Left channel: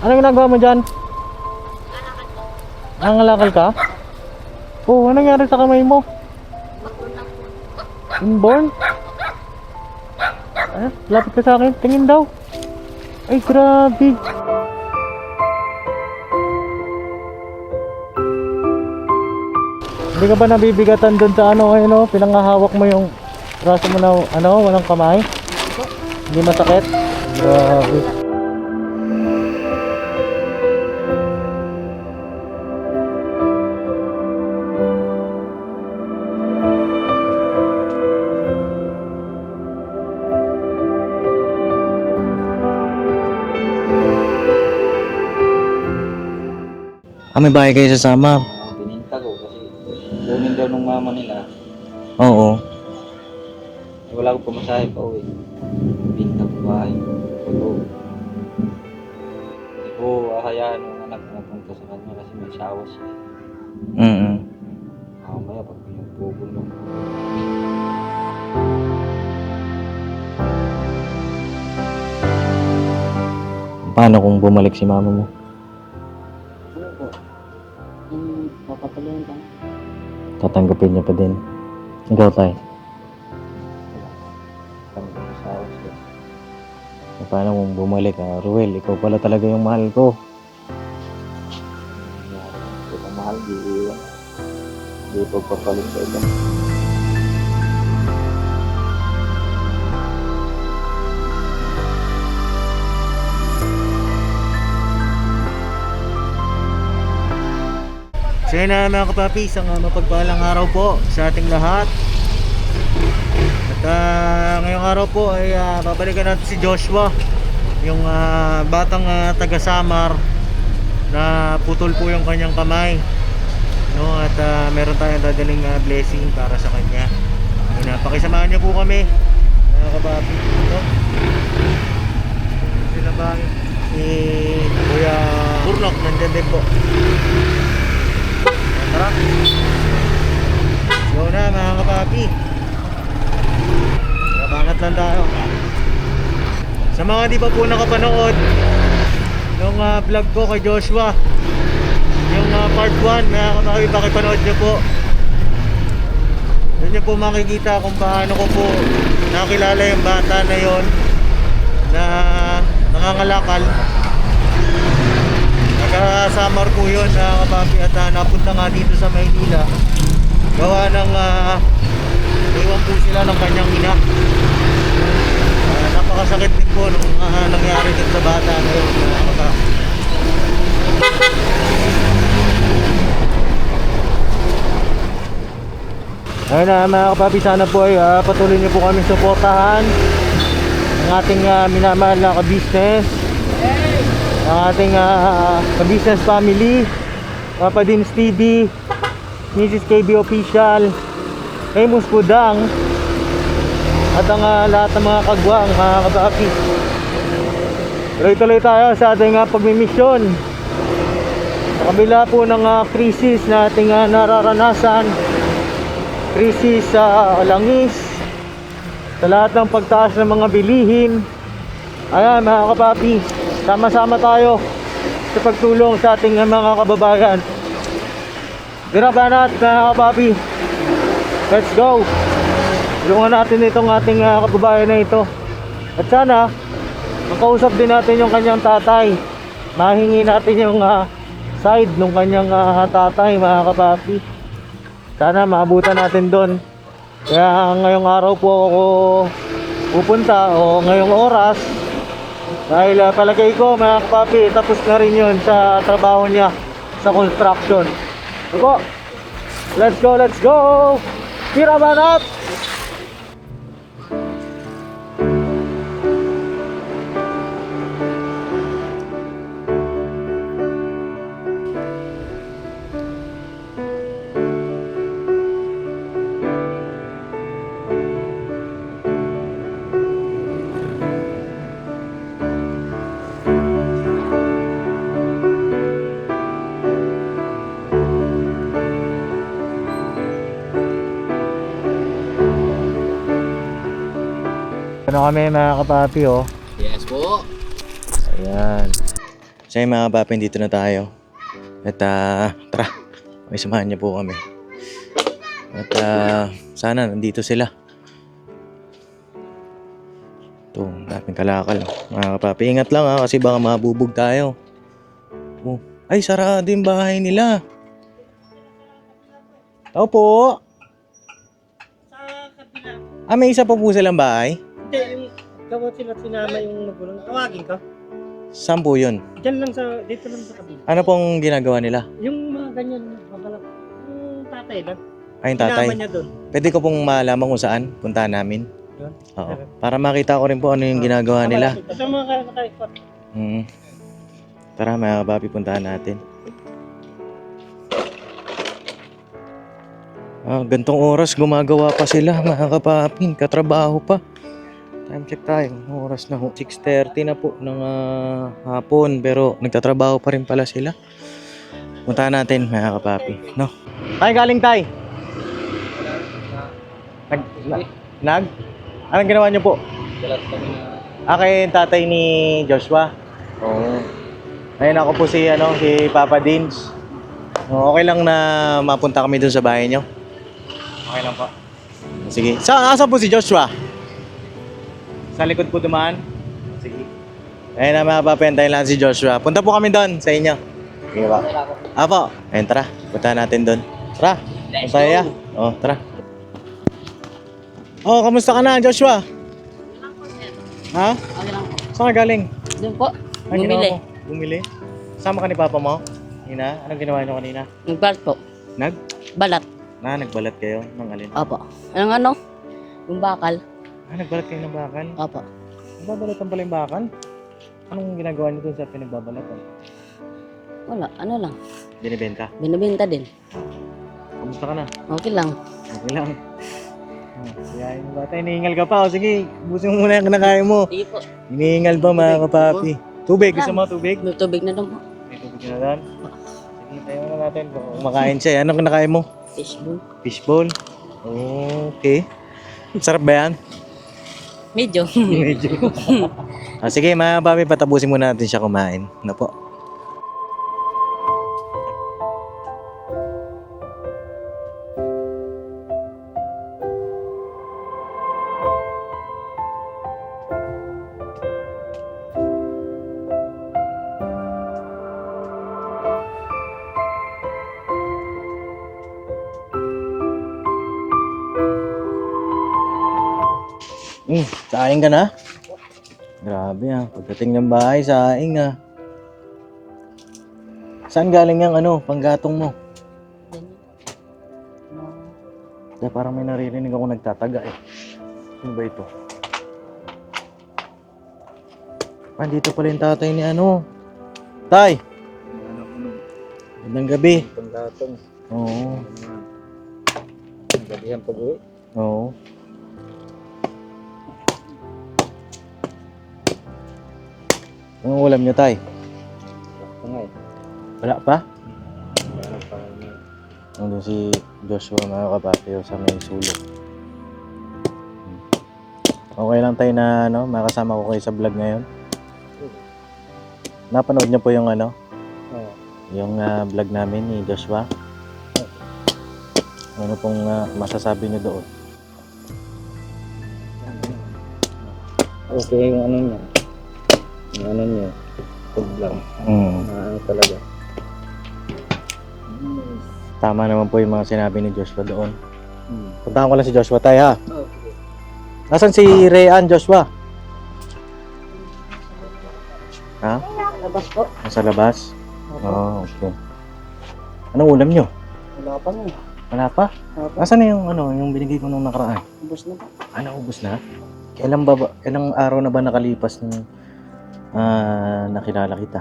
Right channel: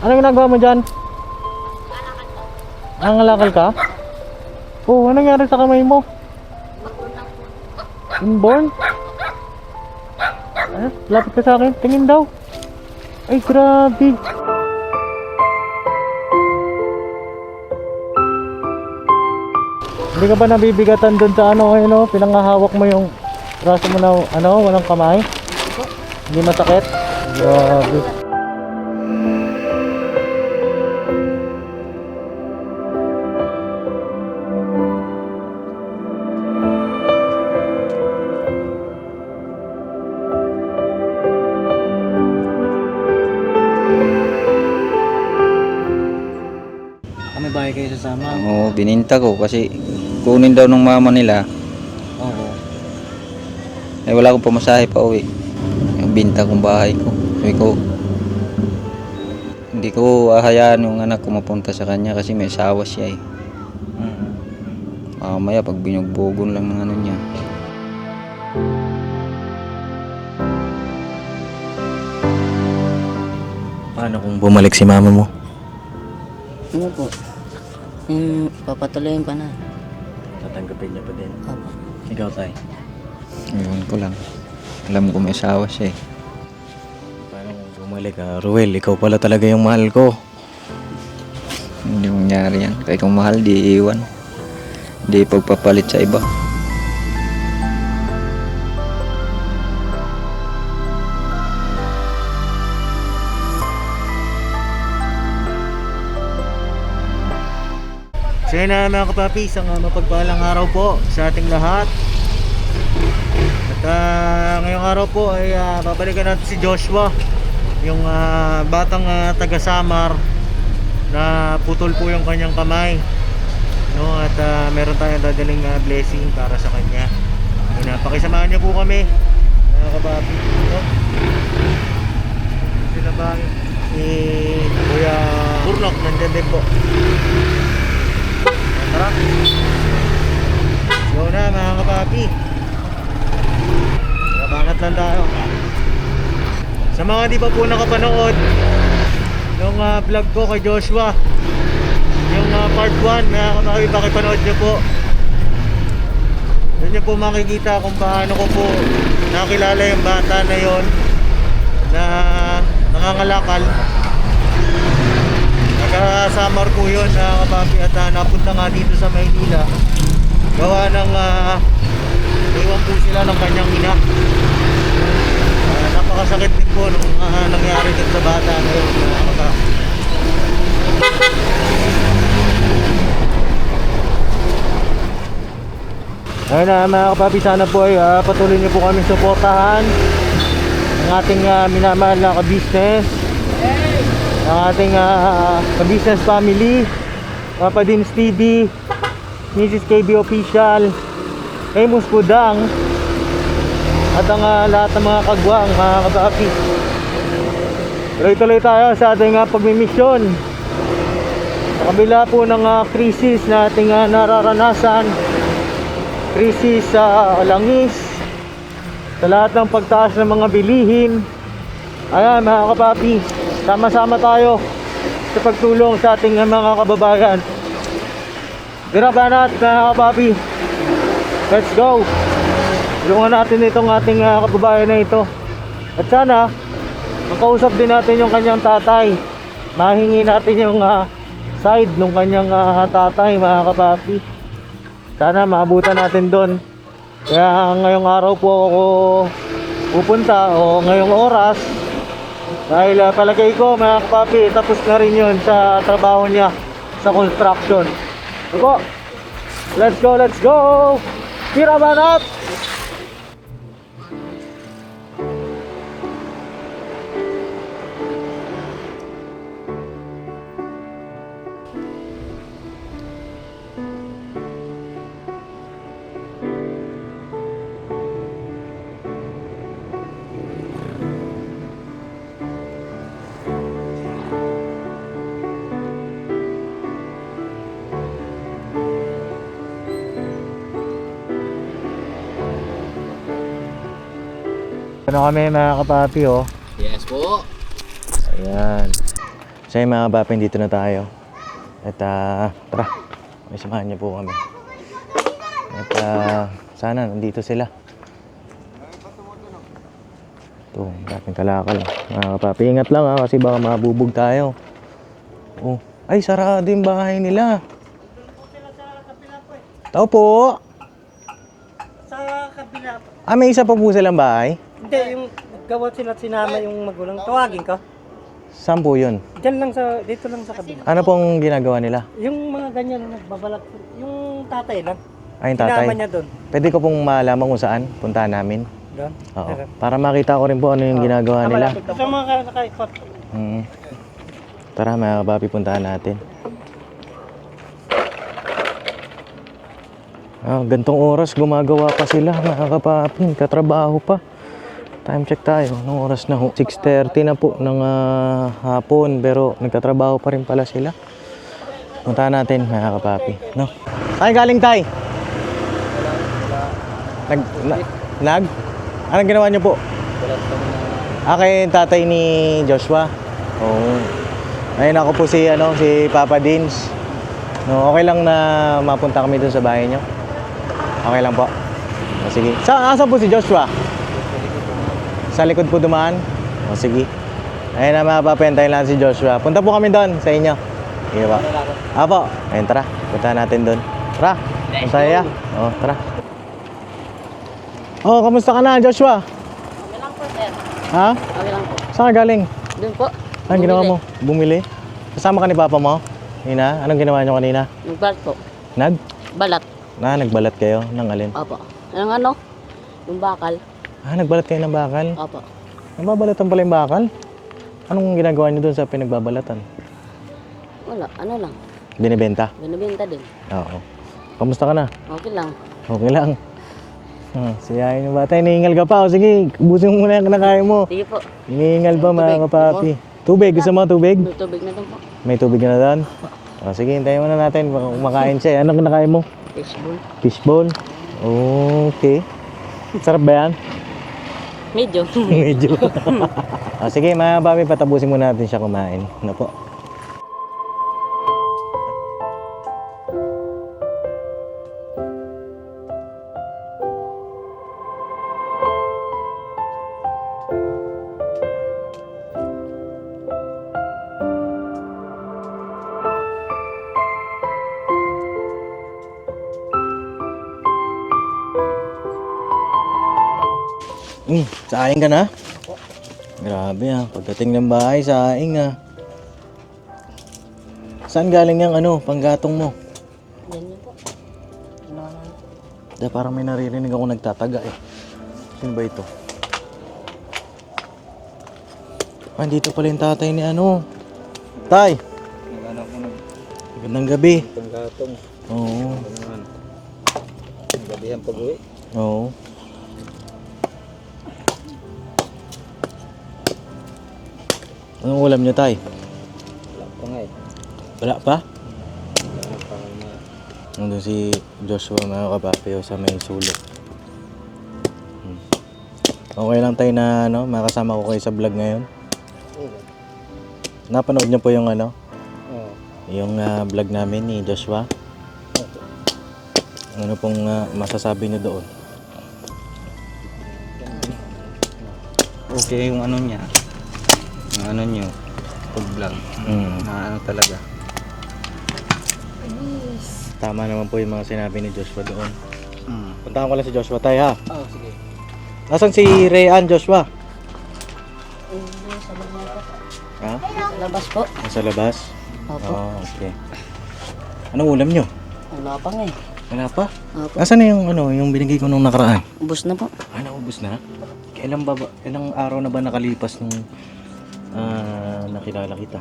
Ano ginagawa mo dyan? Nangalakal ka? Oh, ano nangyari sa kamay mo? Inborn? Lapit ka sa akin. Tingin daw. Ay, grabe. Hindi ka ba nabibigatan dun sa ano, ayun, pinangahawak mo yung braso mo na, walang kamay? Hindi masakit? Grabe. May bahay kayo sasama? Oo, bininta ko kasi kunin daw ng mama nila. Oo. Wala akong pamasahe pa uwi. Yung binta kong bahay ko. Sabi ko, hindi ko ahayaan yung anak ko mapunta sa kanya kasi may asawa siya eh. Mamaya pag binugbogon lang ng ano niya. Paano kung bumalik si mama mo? Ano po? Papatuloyin pa na. Tatanggapin niya pa din. Opo. Ikaw, tay? Ayun ko lang. Alam ko may asawa siya eh. Paano kung bumalik? Ruel, ikaw pala talaga yung mahal ko. Hindi mangyari yan. Kaya kung mahal, di iwan. Di pagpapalit sa iba. So yun na mga kapapi, isang mapagpalang araw po sa ating lahat. At ngayong araw po ay babalikan natin si Joshua, yung batang taga Samar na putol po yung kanyang kamay, no? At meron tayong dadaling blessing para sa kanya. Pakisamahan niyo po kami mga kapapi, no? Sila ba si Kuya Burnok nandiyan din po. Tara. So na mga kapapi, bangat lang tayo. Sa mga di pa po nakapanood yung vlog ko kay Joshua, yung part 1, mga kapapi, pakipanood nyo po. Doon nyo po makikita kung paano ko po nakilala yung bata na yon na nangangalakal. Nagka-summer po yun mga kapapi, at napunta nga dito sa Maynila gawa ng iwan po sila ng kanyang ina. Napakasakit din po nung nangyari din sa bata na yun mga kapapi. Ayun na mga kapapi, sana po ay patuloy niyo po kami suportahan ang ating minamahal na ka-business, ang ating ka-business family, Papa Dins TV, Mrs. KB Official, Famous Pudang, at ang lahat ng mga kagwang mga kapapi. Tuloy-tuloy tayo sa ating pagmimisyon sa kabila po ng krisis na ating nararanasan, krisis sa langis, sa lahat ng pagtaas ng mga bilihin. Ayan mga kapapi, sama-sama tayo sa pagtulong sa ating mga kababayan. Dirabanat mga kapapi, let's go. Tulungan natin itong ating kababayan na ito. At sana makausap din natin yung kanyang tatay, mahingi natin yung side ng kanyang tatay mga kapapi. Sana maabutan natin doon. Kaya ngayong araw po ako pupunta, o ngayong oras, dahil palagay ko mga kapapi, tapos na rin yun sa trabaho niya sa construction. Opo, let's go, let's go! Tira banat! Ano kami mga kapapi, oh. Yes po. Ayan. So yung mga kapapi, dito na tayo. At tara, may samahan niyo po kami. At sana nandito sila. Ito, dating kalakal. Mga kapapi, ingat lang ha, kasi baka mabubog tayo. Oh, ay sarado yung bahay nila. Tao po. Sa kabila. May isa pa po silang bahay? Hindi, yung gawa sila sinama yung magulang. Tawagin ka. Saan po yun? Diyan lang dito lang sa kabila. Ano pong ginagawa nila? Yung mga ganyan, babalak. Yung tatay lang. Ay, yung tatay. Sinama niya doon. Pwede ko pong malaman kung saan puntahan namin? Doon. Oo. Para makita ko rin po ano yung ginagawa nila. Sa mga nakaikot. Tara, mga kapapi, puntahan natin. Gantong oras, gumagawa pa sila, mga kapapi. Katrabaho pa. Time check tayo. Anong oras na ho? 6:30 na po ng hapon. Pero nagtatrabaho pa rin pala sila. Puntahan natin, mga kapapi. No? Ay, galing tay! Nag? Anong ginawa niyo po? Kay tatay ni Joshua? Oo. Ayun ako po si Papa Dins. No, okay lang na mapunta kami dun sa bahay niyo? Okay lang po. Sige. Asa po si Joshua? Sa likod po dumaan? Sige. Ayun na mga papentayin lang si Joshua. Punta po kami doon sa inyo. Sige po. Apo. Ayun, tara. Punta natin doon. Tara. Masaya. Oo, tara. Oh, kamusta ka na, Joshua? Okay lang po, sir. Ha? Okay lang po. Saan ka galing? Doon po. Anong ginawa mo? Bumili? Kasama ka ni Papa mo? Nina, anong ginawa niyo kanina? Nagbalat po. Balat. Nagbalat kayo ng alin? Opo. Yung ano? Yung bakal. Nagbalat kayo ng bakal? Opo. Nagbabalatan pala yung bakal? Anong ginagawa niyo doon sa pinagbabalatan? Wala. Ano lang. Binibenta? Binibenta din. Oo. Kamusta ka na? Okay lang. Okay lang. Siyahin yung bata. Iniingal ka pa. O sige, ubusin mo muna yung kinakain mo. Sige po. Iniingal pa mga kapapi. Tubig? Gusto mo tubig? Tubig na doon po. May tubig na doon? Sige, hintayin muna natin. Baka kumakain siya. Anong kinakain mo? Fishbowl. Fishbowl? Okay. Sarap ba yan? Medyo. Medyo. Sige, mga kapapi, patapusin muna natin siya kumain. Ano po? Saing ka na? Grabe pagdating ng bahay, saing Saan galing yung panggatong mo? Ganyan po. Parang may naririnig ako nagtataga Sino ba ito? Dito pala yung tatay ni Tay! Magandang gabi. Panggatong. Oo. Gabi ang pag-uwi. Oo. Anong ulam niya, Tay? Wala pa? Nandun si Joshua, mga kapapi, sa may sulok. Okay lang tayo na makasama ko kayo sa vlog ngayon. Napanood niyo po yung yung vlog namin ni Joshua. Ano pong masasabi niyo doon? Okay yung niya. Yung niyo. Pag-vlog. Talaga. Tama naman po yung mga sinabi ni Joshua doon. Puntahan ko lang si Joshua, Tay, ha? Oo, sige. Nasaan si Rayan, Joshua? Ha? Sa labas po. Nasa labas? Opo. Okay. Anong ulam nyo? Wala pa nga Wala pa? Opo. Nasaan na yung binigay ko nung nakaraan? Ubus na po. Naubos na? Kailang araw na ba nakalipas nung nakilala kita?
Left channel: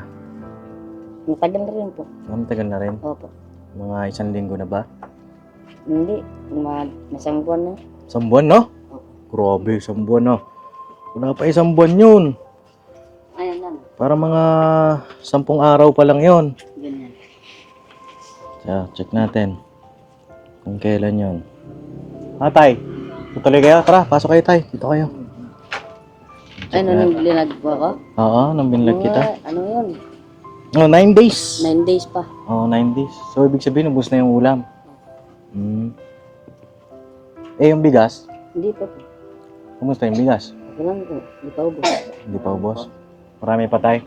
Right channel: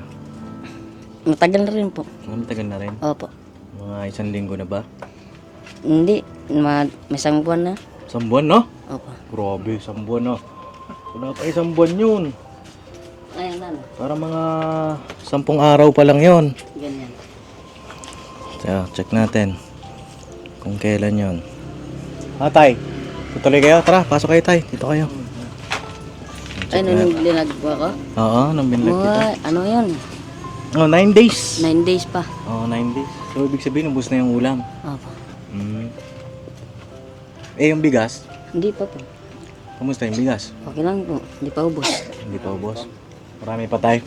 Matagal na rin po. Matagal na rin? Opo. Mga 1 linggo na ba? Hindi. May isang buwan na. 1 buwan, no? Opo. Grabe, 1 buwan, no? Wala pa 1 buwan yun. Ayan na. Para mga 10 araw pa lang yun. Ganyan. Check natin kung kailan yun. Tay, tutuloy kayo? Tara, pasok kayo, Tay. Dito kayo. Ano nung binag po ako? Oo, nung binlag kita. Ano yun? Oh, 9 days. 9 days pa. Oh, 9 days. So, ibig sabihin, ubos na yung ulam. Opo. Eh, yung bigas? Hindi pa po. Kumusta yung bigas? Okay lang po. Hindi pa ubos. Hindi pa ubos. Marami pa tayo.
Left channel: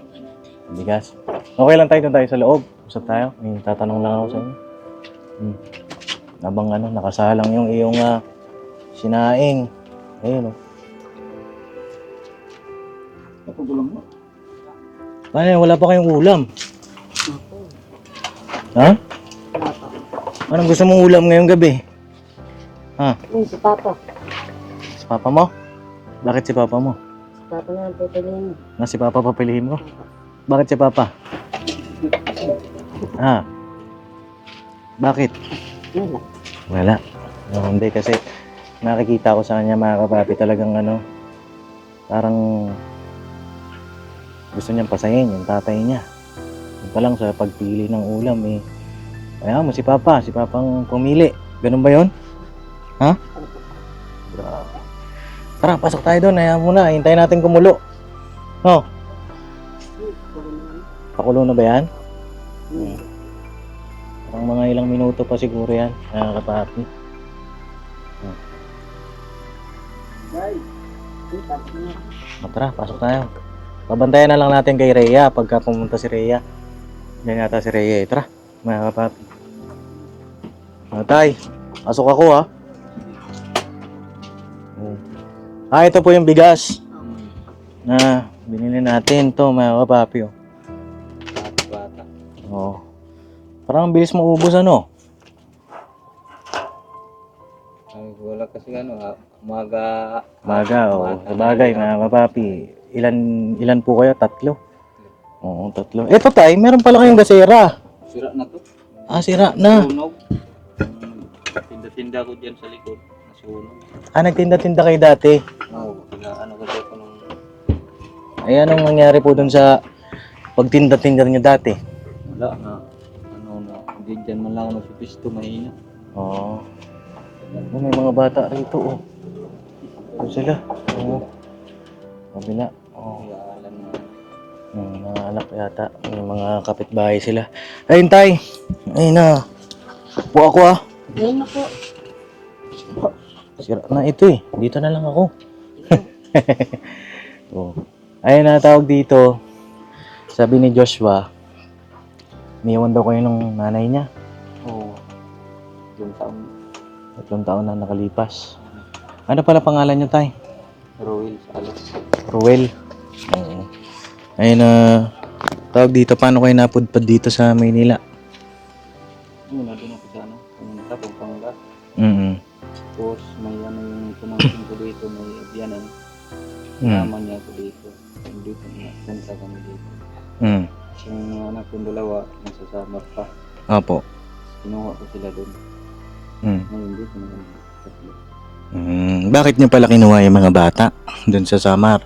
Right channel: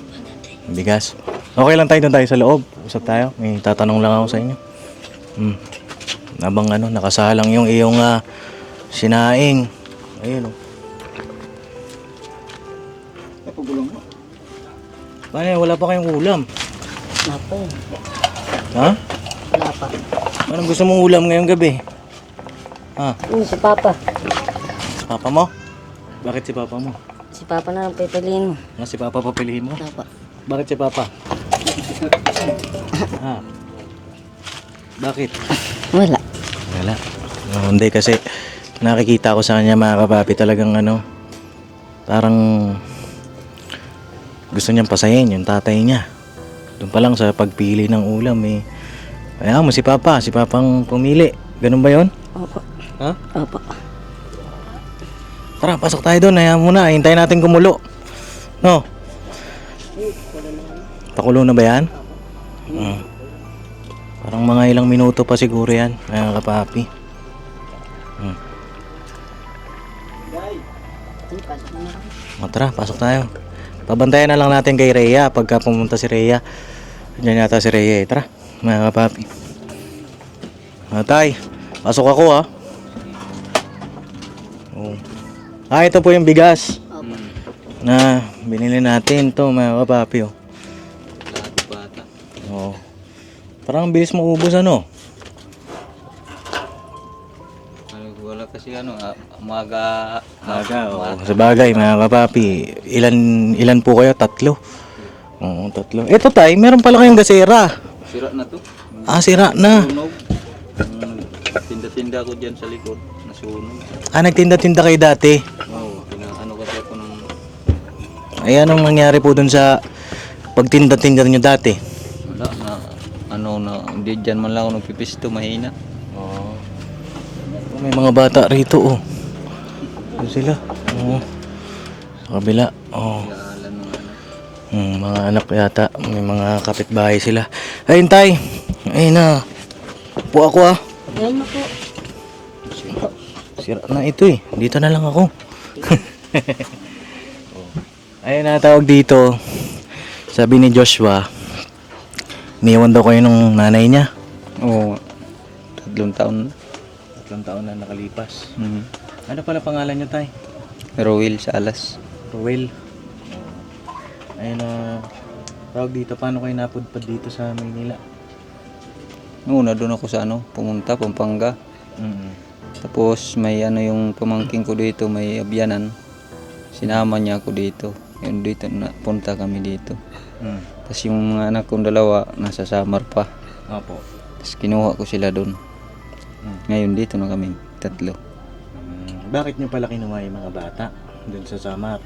Yung bigas. Okay lang tayo doon tayo sa loob. Usap tayo. May tatanong lang ako sa inyo. Habang nakasalang yung iyong sinaing. Ayun oh. Ay, wala pa kayong ulam. Wala pa. Ha? Wala pa. Anong gusto mong ulam ngayong gabi? Ha? Si Papa. Si Papa mo? Bakit si Papa mo? Si Papa na lang pipiliin mo. Nga si Papa papiliin mo? Papa. Bakit si Papa? Ha? Bakit? Wala. Wala. Hindi kasi nakikita ko sa kanya mga kapapi talagang parang gusto niyang pasayin yung tatay niya. Doon pa lang sa pagpili ng ulam kaya mo si Papang pumili. Ganun ba yon? Opo. Ha? Opo. Tara, pasok tayo doon. Ayaw muna, hintayin natin kumulo. No? Pakulo na ba yan? Parang mga ilang minuto pa siguro yan, mga kapapi. Tara, pasok tayo. Pabantayan na lang natin kay Rhea pagka pumunta si Rhea. Diyan yata si Rhea. Tara, mga kapapi. Tay, pasok ako ha. Ito po yung bigas Opo. na binili natin to mga kapapi. Bata. Oh. Parang ang bilis maubos Ay, wala kasi umaga. Sa bagay mga kapapi. Ilan po kayo? 3? Oo, 3. Ito tay, meron pala kayong gasera. Sira na to. Sira na. Sunog. Tinda-tinda ko dyan sa likod. Nasunog. Nagtinda-tinda kayo dati. Oo, kasi ako ng... Ay, anong nangyari po dun sa pagtinda-tinda nyo dati? Wala na, hindi dyan man lang ako nagpipisto, mahina. Oo. May mga bata rito Ito sila. Sa kabila. Alam mo, Mga anak yata. May mga kapitbahay sila. Ayun tay. Ayun na. Po ako Ayun na po. Sira na ito Dito na lang ako. Ayun na tawag dito. Sabi ni Joshua, iniwan daw kayo ng nanay niya. Oo, 3 taon. 3 taon na nakalipas. Mm. Ano pala pangalan niyo tay? Rowell sa alas. Ruel. Oo. Ayun na tawag dito. Paano kayo napudpad dito sa Maynila? Noon, doon ako sa pumunta, Pampanga. Tapos may yung pamangking ko dito, may abyanan. Sinama niya ako dito. Yun dito, punta kami dito. Tapos yung mga anak kong 2, nasa Samar pa. Opo. Tapos kinuha ko sila doon. Ngayon dito na kami, 3. Bakit niyo pala kinuha yung mga bata doon sa Samar?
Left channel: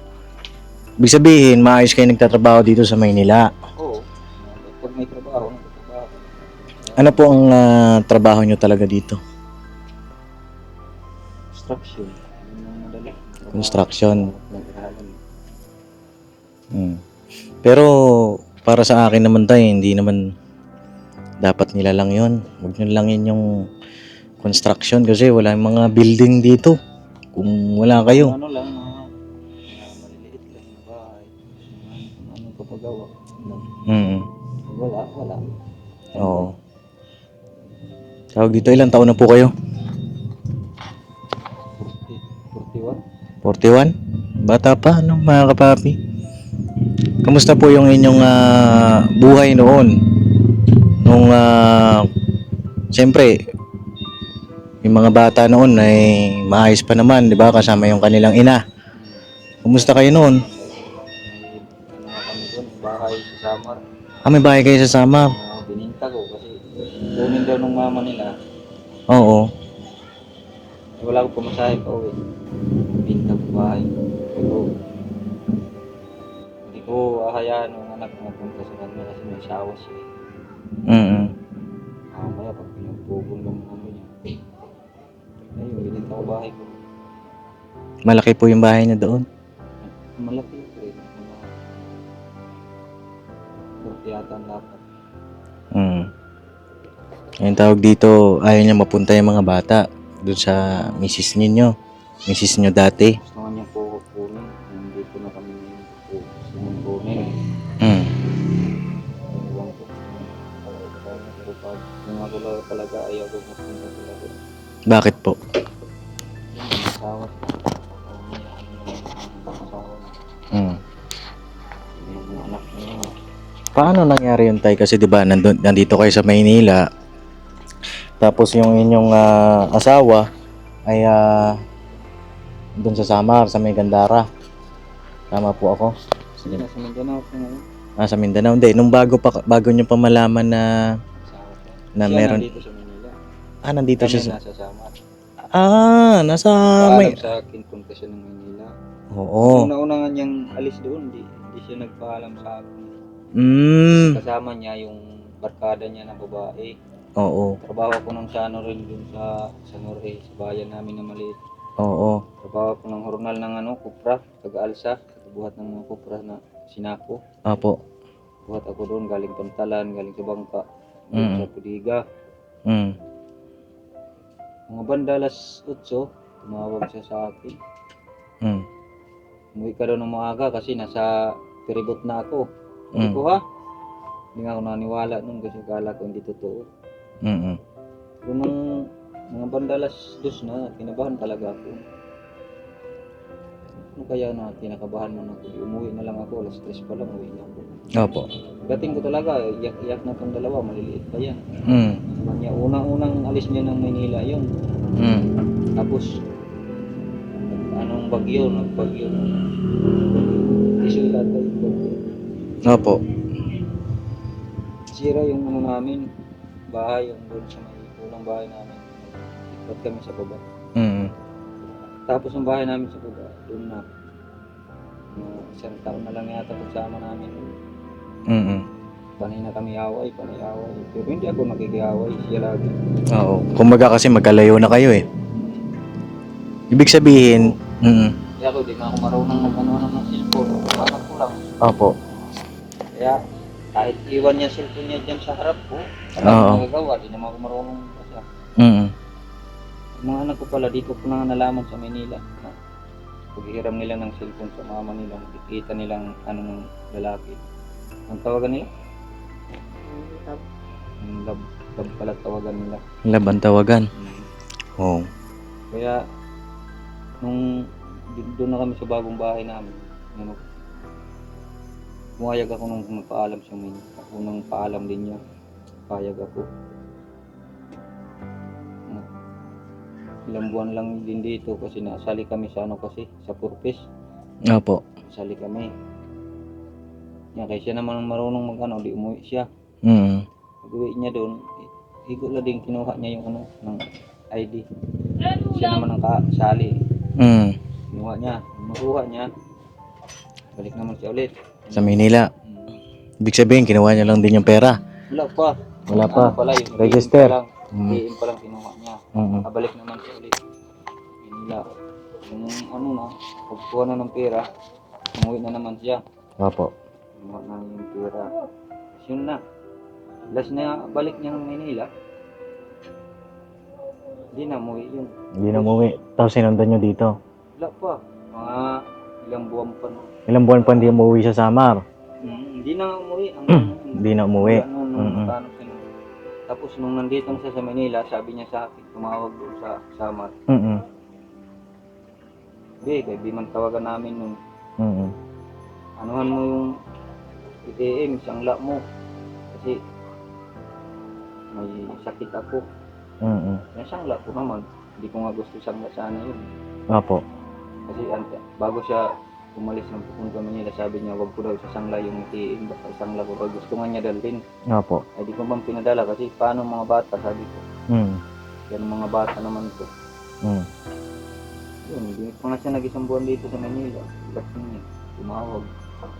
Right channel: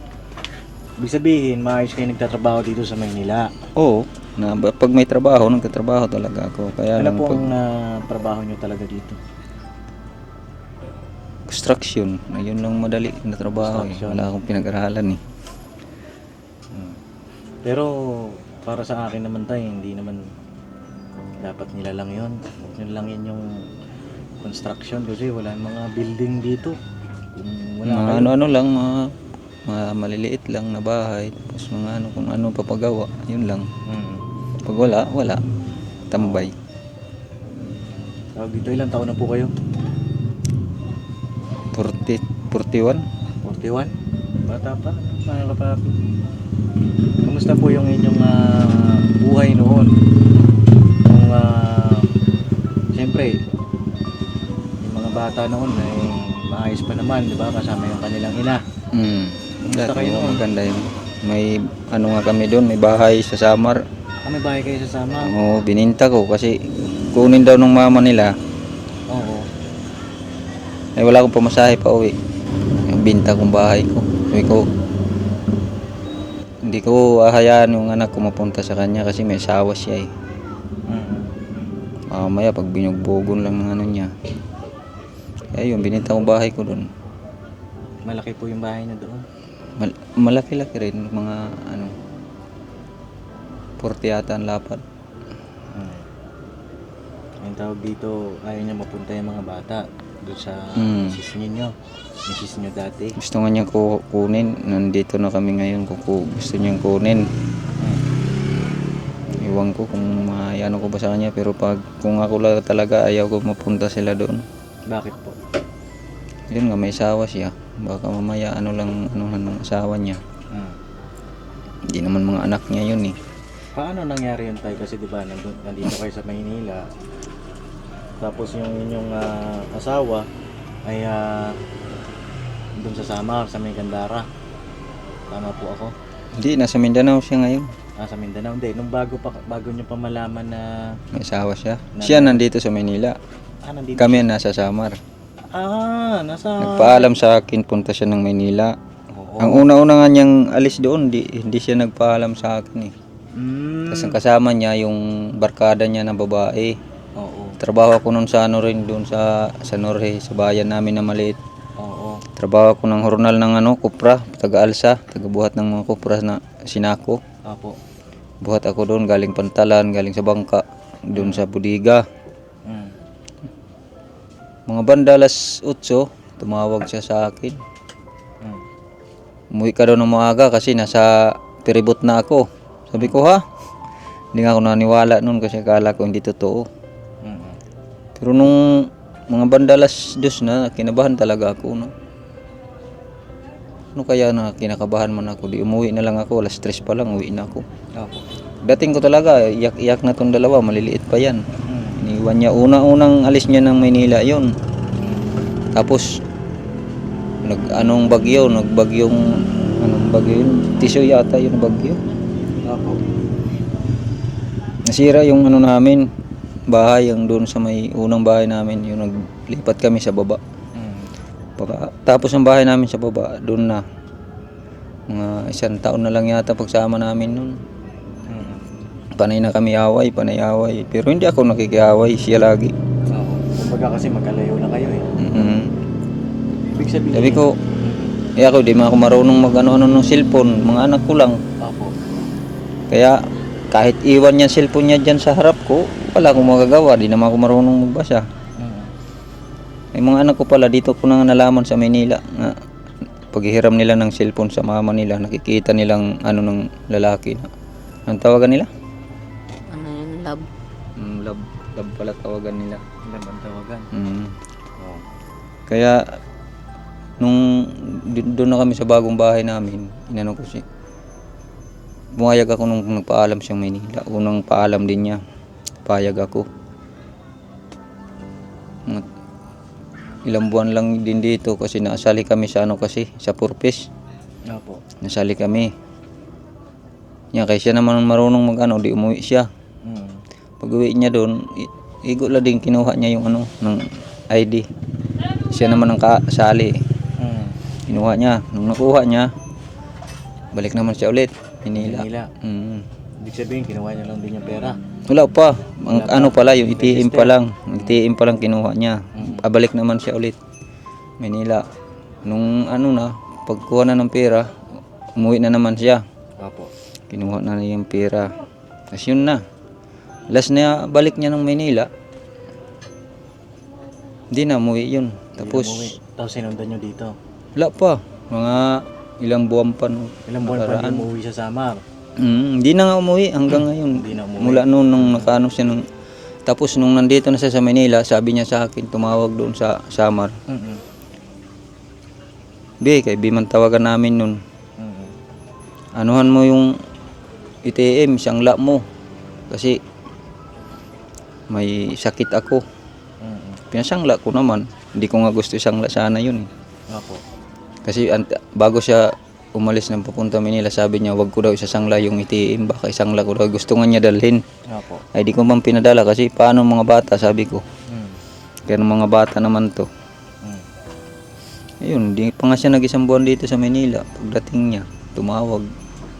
Ibig sabihin, maayos kayo nagtatrabaho dito sa Maynila. Oo, pag may trabaho, nagtatrabaho talaga ako. Kaya Ano po ang trabaho niyo talaga dito? construction. Ayun lang madali na trabaho. Construction. Wala akong pinag-aralan Pero para sa akin naman tayo, hindi naman dapat nila lang yon. Huwag nyo lang yun yung construction kasi wala yung mga building dito. Kung wala kayo. Ano lang, mga maliliit lang na bahay. Tapos mga kung ano papagawa. Yun lang. Pag wala. Tambay. Tawag dito, ilang taon na po kayo? 41. 41? Bata pa, mga kapapi? Kamusta po yung inyong buhay noon? Nung, siyempre, yung mga bata noon ay maayos pa naman, di ba? Kasama yung kanilang ina. Kumusta kayo noon? Ganda yun. May nga kami doon, may bahay sa Samar. May bahay kayo sa Samar? Oo, bininta ko kasi kunin daw ng mama nila. Oo. Ay wala akong pamasahe pa uwi. Yung binta kong bahay ko. Sabi ko, hindi ko ahayaan yung anak ko mapunta sa kanya kasi may asawa siya Mamaya pag binugbogon lang ng niya. Kaya yun, binenta kong bahay ko doon. Malaki po yung bahay niya doon? Malaki-laki rin, mga 40 yata ang lapad. Yung tawag dito, ayaw niya mapunta yung mga bata doon sa misis ninyo. Misis nyo dati. Gusto nga niyang kunin. Nandito na kami ngayon kung gusto niyang kunin. Iwan ko kung ano ko ba sa kanya, pero kung ako lang talaga ayaw ko mapunta sila doon. Bakit po? Yun nga, may asawa siya. Baka mamaya ng asawa niya. Hindi naman mga anak niya yun eh. Paano nangyari yun, tay? Kasi di ba nandito kayo sa Maynila, tapos yung inyong asawa ay doon sa Samar, sa May Gandara. Tama po ako? Hindi, nasa Mindanao siya ngayon. Sa Mindanao. Hindi, nung bago nyo pa malaman na... May asawa siya. Na Siya meron- nandito sa Manila. nandito Kami siya nasa Samar. nasa... Nagpaalam sa akin, punta siya ng Maynila. Oo. Ang una-una nga niyang alis doon, hindi siya nagpaalam sa akin eh. Kasi kasama niya yung barkada niya na babae. Oo. Trabaho ko noon sa rin doon sa Norhe, sa bayan namin na maliit. Oo. Trabaho ko ng hornal ng kupra, taga-alsa, taga-buhat ng mga kupra na sinako. Apo. Buhat ako doon, galing Pantalan, galing sa bangka, doon sa Budiga. Mga bandalas 8, tumawag siya sa akin. Umuwi ka daw ng maaga kasi nasa peribot na ako. Sabi ko, ha? Hindi nga ako naniwala noon kasi akala ko hindi totoo. Pero nung mga bandalas 2 na, kinabahan talaga ako. No? Ano kaya na kinakabahan man ako? Di umuwi na lang ako, alas 3 pa lang, uwi na ako. Apo. Dating ko talaga, iyak na tong dalawa, maliliit pa yan. Iniwan niya, unang alis niya ng Maynila yun. Tapos, anong bagyo yun? Tisyo yata yung bagyo. Apo. Nasira yung namin, bahay, yung doon sa may unang bahay namin, yung naglipat kami sa baba. Tapos ang bahay namin sa baba, doon na. Mga 1 taon na lang yata pagsama namin nun. Panay na kami away. Pero hindi ako nakikiaway, siya lagi. Oo. Kumbaga kasi magkalayo na kayo eh. Ibig sabihin... Ako, di man ako marunong mag-ano ng cellphone. Mga anak ko lang. Opo. Kaya kahit iwan niya cellphone niya dyan sa harap ko, wala akong magagawa. Di naman ako marunong magbasa. Ay mga anak ko pala, dito ko na nalaman sa Maynila na paghihiram nila ng cellphone sa mama nila, nakikita nilang ng lalaki na. Anong tawagan nila? Love. Love pala tawagan nila. Laban tawagan. Oh. Kaya nung doon na kami sa bagong bahay namin, inano ko siya. Bumayag ako nung nagpaalam siyang Maynila. Unang paalam din niya. Payag ako. Ilang buwan lang din dito kasi nasali kami sa sa Purpose. Opo. Nasali kami. Yan, kaya siya naman marunong di umuwi siya. Pag uwi niya doon, igo lang din kinuha niya yung ng ID. Siya naman ang kasali. Kinuha niya. Nung nakuha niya, balik naman siya ulit. Sa Manila. Ibig sabihin, kinuha niya lang din yung pera. Wala pa. Ang pala, yung ITM Register. pa lang. ITM pa lang kinuha niya. Pabalik naman siya ulit. Manila. Nung pagkuha na ng pera, umuwi na naman siya. Opo. Kinuha na niya yung pera. Tapos yun na. Last na balik niya ng Manila, hindi na umuwi yun. Tapos sinundan nyo dito. Wala pa. Mga ilang buwan pa. No. Ilang buwan pa hindi umuwi sa Samar. Hindi na nga umuwi hanggang ngayon. Hindi na umuwi. Mula nung nakaano siya tapos nung nandito na siya sa Manila, sabi niya sa akin, tumawag doon sa Samar. Kay Biman tawagan namin nun. Anuhan mo yung ITM, sangla mo. Kasi may sakit ako. Pinasangla ko naman. Hindi ko nga gusto sangla sana yun. Opo. Kasi bago siya umalis ng papunta Manila, sabi niya, wag ko daw isasangla yung ITM, baka isangla ko daw. Gusto nga niya dalhin. Opo. Ay di ko man pinadala kasi paano mga bata, sabi ko. Kaya mga bata naman to. Ayun, di pa nga siya nag-isang buwan dito sa Manila. Pagdating niya, tumawag.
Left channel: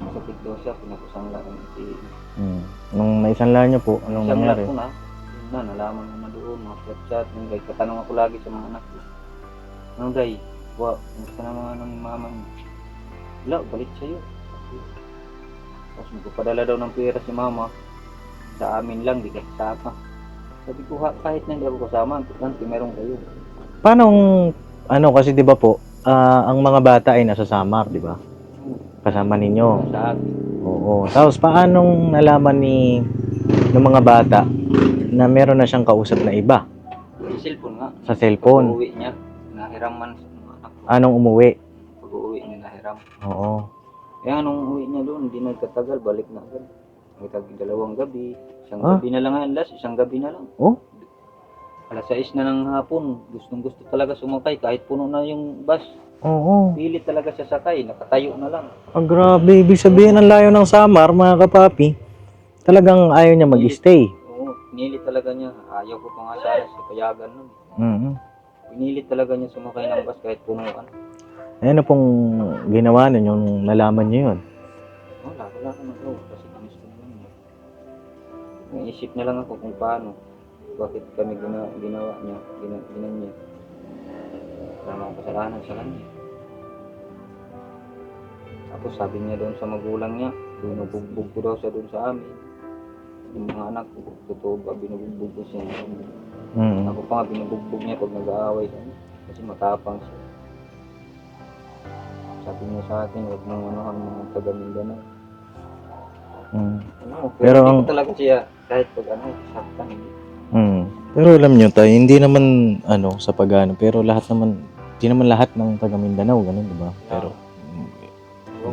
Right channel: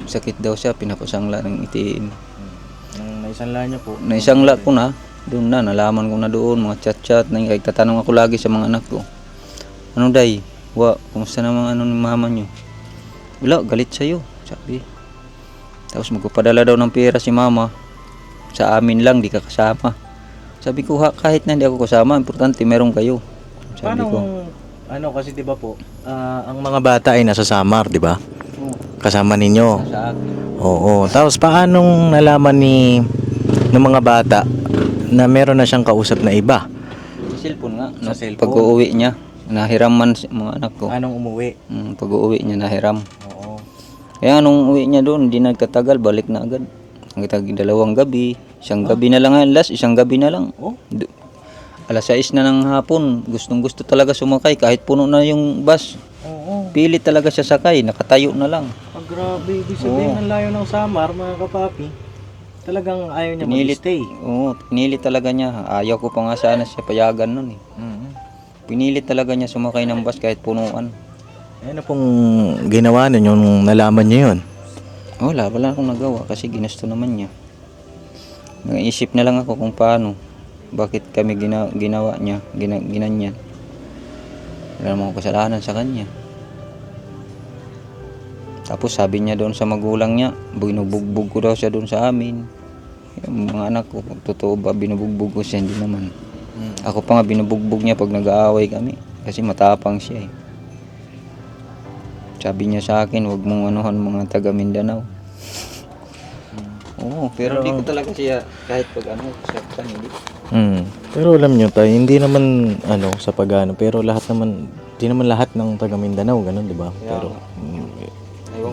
Sakit daw siya, pinapasangla ng ITM. Nung naisangla niyo po? Naisangla ko na, doon na, nalaman ko na doon, mga chat-chat. Tatanong ako lagi sa mga anak ko. Ano day? Kumusta naman ni mama niyo? Wala, galit sa'yo, sabi. Tapos magpapadala daw ng pera si mama. Sa amin lang, di ka kasama. Sabi ko, kahit na hindi ako kasama, importante meron kayo. Sabi Paano, ko, ano kasi 'di ba po, ang mga bata ay nasa Samar, 'di ba? Kasama ninyo. sa akin. Oo. Tapos paanong nalaman ng mga bata na meron na siyang kausap na iba? Sa cellphone nga. Sa cellphone? Pag-uwi niya, nahiram man mga anak ko. Anong umuwi? Pag-uwi niya, nahiram. Oo. Kaya nung uwi niya doon, hindi nagkatagal, balik na agad. Ang 2 gabi, isang gabi na lang ngayon, isang gabi na lang. Oh? Alas 6 na ng hapon, gustong gusto talaga sumakay kahit puno na yung bus. Oo. Pilit talaga siya sakay, nakatayo na lang. Ang grabe. Ibig sabihin ng layo ng Samar, mga kapapi, talagang ayaw niya mag-stay. Oo, pinilit talaga niya. Ayaw ko pa nga sana siya payagan nun eh. Mhm. Pinilit talaga niya sumakay ng bus kahit punuan. Ano pong ginawa ninyo nung nalaman niyo yun? Wala akong nagawa kasi ginusto naman niya. Nag-iisip na lang ako kung paano. Bakit kami ginawa niya, ginanyan. Wala namang kasalanan sa kanya. Tapos sabi niya doon sa magulang niya, binubugbog ko daw siya doon sa amin. Yung mga anak ko, totoo ba binubugbog ko siya? Hindi naman. Ako pa nga binubugbog niya pag nag-aaway kami. Kasi matapang siya eh. Sabi niya sa akin, huwag mong anuhan mga taga Mindanao. Oo, pero hindi ko talaga siya kahit pag saktan hindi. Pero alam nyo tayo, hindi naman sa pag-ano, pero hindi naman lahat ng taga Mindanao, ganun, di ba? Pero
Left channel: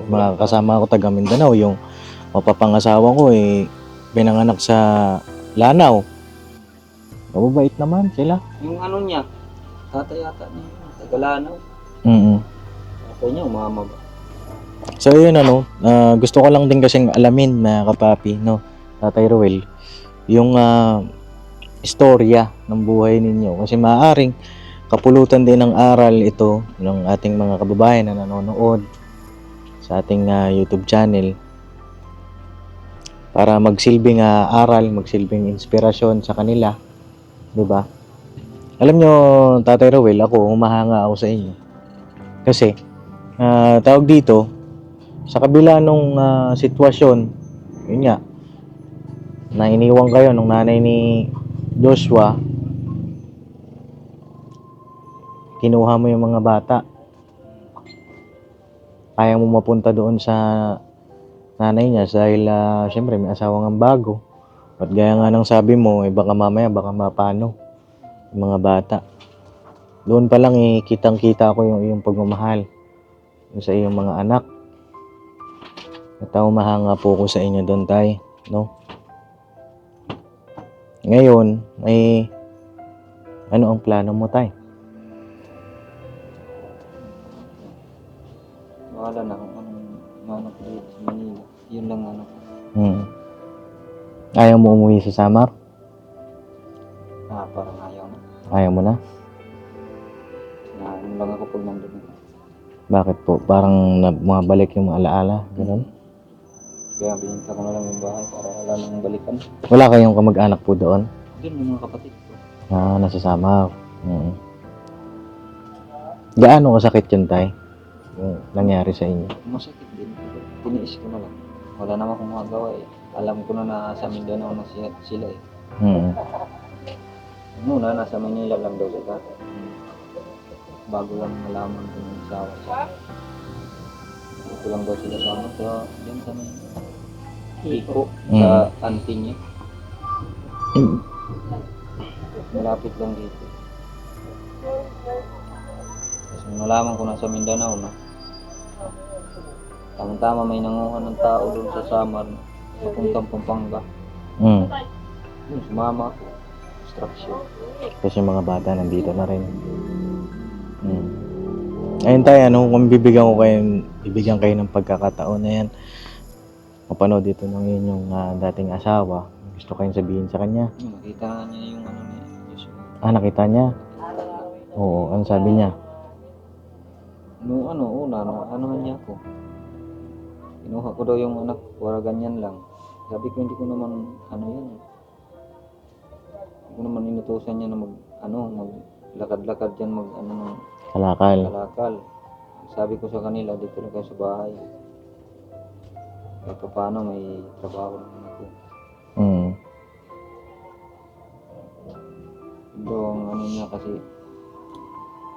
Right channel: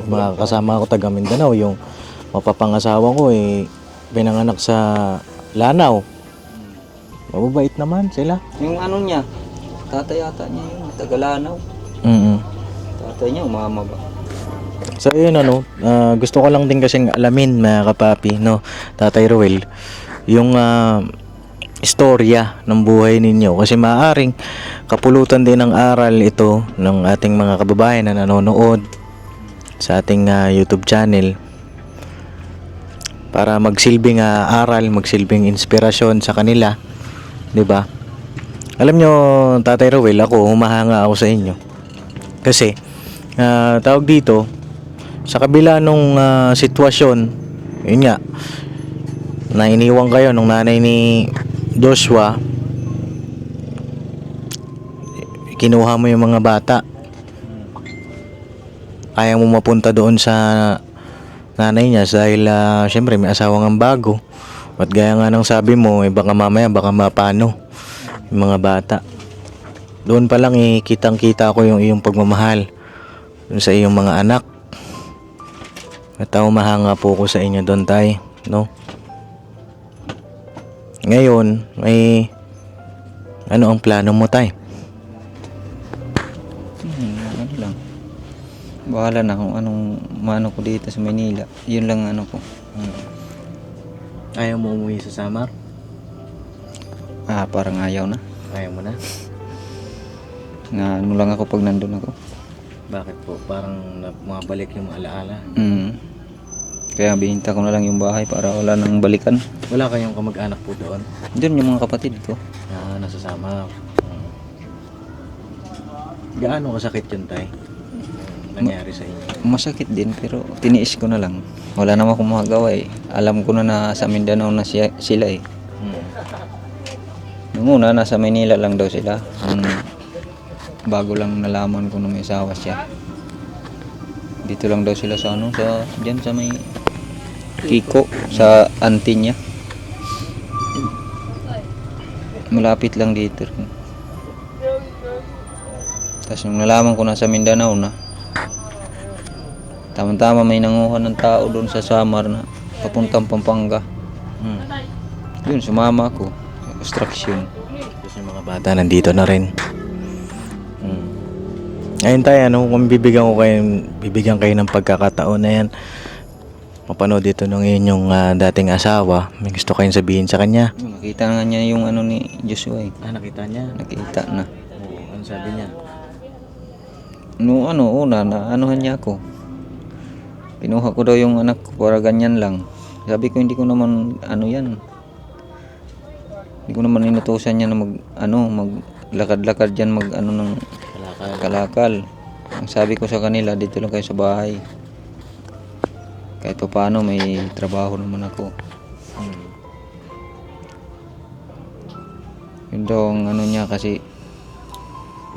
mga kasama ko taga Mindanao, yung mapapangasawa ko pinanganak sa Lanao. Mababait naman sila. Yung niya, tatay yata niya yung Tagalanaw. Tatay niya, umama ba? So yun gusto ko lang din kasing alamin mga kapapi, no, Tatay Ruel, yung istorya ng buhay ninyo kasi maaaring kapulutan din ng aral ito ng ating mga kababayan na nanonood sa ating YouTube channel para magsilbing aral, magsilbing inspirasyon sa kanila, 'di ba? Alam nyo, Tatay Ruel, ako humahanga ako sa inyo kasi tawag dito sa kabila nung sitwasyon, yun nga, na iniwan kayo nung nanay ni Joshua, kinuha mo yung mga bata, ayaw mo mapunta doon sa nanay niya dahil syempre may asawang ang bago at gaya nga ng sabi mo, baka mamaya baka mapano yung mga bata. Doon pa lang kitang kita ko yung iyong pagmamahal sa iyong mga anak. At mahanga po ko sa inyo doon, tay, no? Ngayon, ano ang plano mo, tay? Ano lang. Bahala na kung anong mano ko dito sa Manila. Yun lang ko. Ayaw mo umuwi sa Samar? Parang ayaw na. Ayaw mo na? Na ano lang ako pag nandun ako. Bakit po? Parang mabalik yung mga alaala? Kaya bihinta ko na lang yung bahay para wala nang balikan. Wala kayong kamag-anak po doon? Doon yung mga kapatid ko. Nasa Samar. Gaano kasakit yun, tay? Nangyari sa inyo? Masakit din pero tiniis ko na lang. Wala naman akong magagawa eh. Alam ko na sa Mindanao na sila eh. Nung una nasa Manila lang daw sila. Bago lang nalaman ko na may asawa siya. Dito lang daw sila sa diyan sa may Kiko, sa auntie niya. Malapit lang dito. Tapos nung nalaman ko na sa Mindanao na, tama-tama may nanguha ng tao doon sa Samar na papuntang Pampanga. Yun, sumama ako. Construction. Kasi mga bata nandito na rin. Ayun tayo, kung bibigyan kayo ng pagkakataon na yan, mapanood dito ng inyong dating asawa, may gusto kayong sabihin sa kanya. Nakita nga niya yung ni Joshua eh. Nakita niya? Nakita na. Oo, ano sabi niya? Una, anuhan niya ako. Pinuha ko daw yung anak ko para ganyan lang. Sabi ko hindi ko naman yan. Hindi ko naman inutusan niya na maglakad-lakad dyan ng kalakal. Ang sabi ko sa kanila, dito lang kayo sa bahay. kahit pa paano may trabaho naman ako. Mm. Yun daw ang ano niya kasi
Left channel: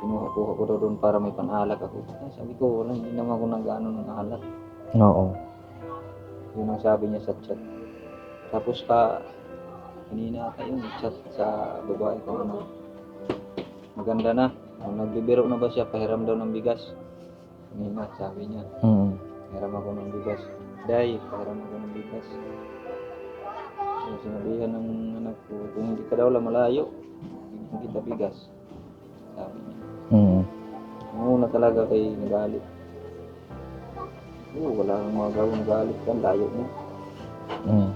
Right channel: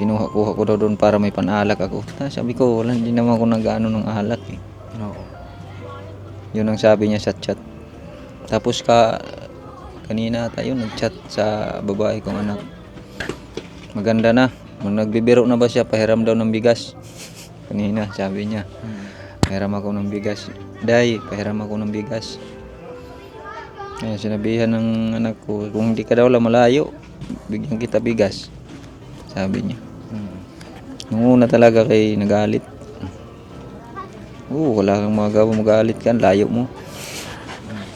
kinuha-kuha ko daw doon para may panalak ako. Sabi ko, wala, hindi naman ako nag-ano ng alak eh. Oo. Yun ang sabi niya sa chat. Tapos kanina tayo nag-chat sa babae kong anak. Maganda na. Nagbibiro na ba siya? Pahiram daw ng bigas. Kanina sabi niya, Mm. pahiram ako ng bigas. Day, pahiram ako ng bigas. Kaya sinabihan ng anak ko, kung hindi ka daw malayo, bigyan kita bigas. Sabi niya. Mm. Nung una talaga kay nagalit. Wala kang magawa, magalit ka, layo mo. Mm.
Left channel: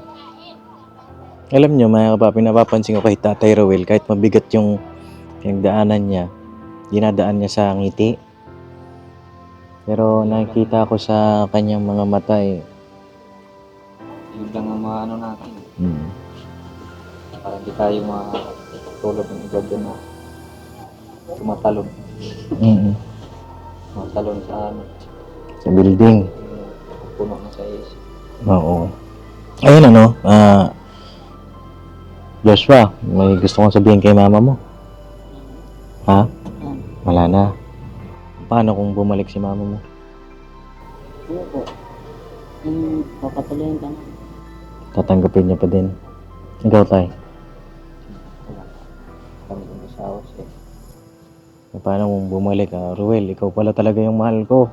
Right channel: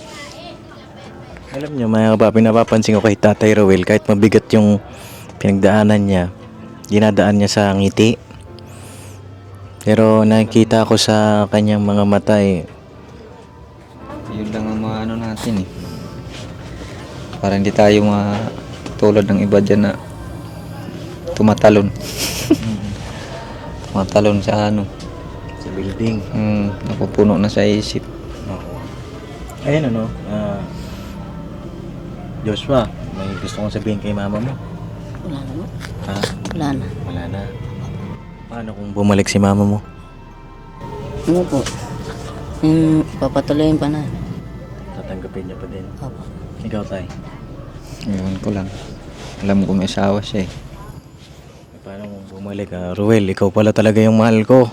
Alam nyo, mga kapapi, napapansin ko kay Tatay Ruel, kahit mabigat yung pinagdaanan niya, dinadaan niya sa ngiti. Pero nakikita ko sa kanyang mga mata Yun lang ang mga ano natin eh. Para hindi tayo tulad ng iba dyan na tumatalon. Mm. Tumatalon sa ano. Sa building. Napupuno na sa isip. Oo. Ayun Joshua, may gusto kong sabihin kay mama mo. Wala na. Ha? Wala na. Wala na. Paano kung bumalik si mama mo? Ano po? Papatuloyin pa na. Tatanggapin niya pa din. Opo. Ikaw, Tay. Yun ko lang. Alam ko may asawa siya eh. Paano kung bumalik? Ruel, ikaw pala talaga yung mahal ko.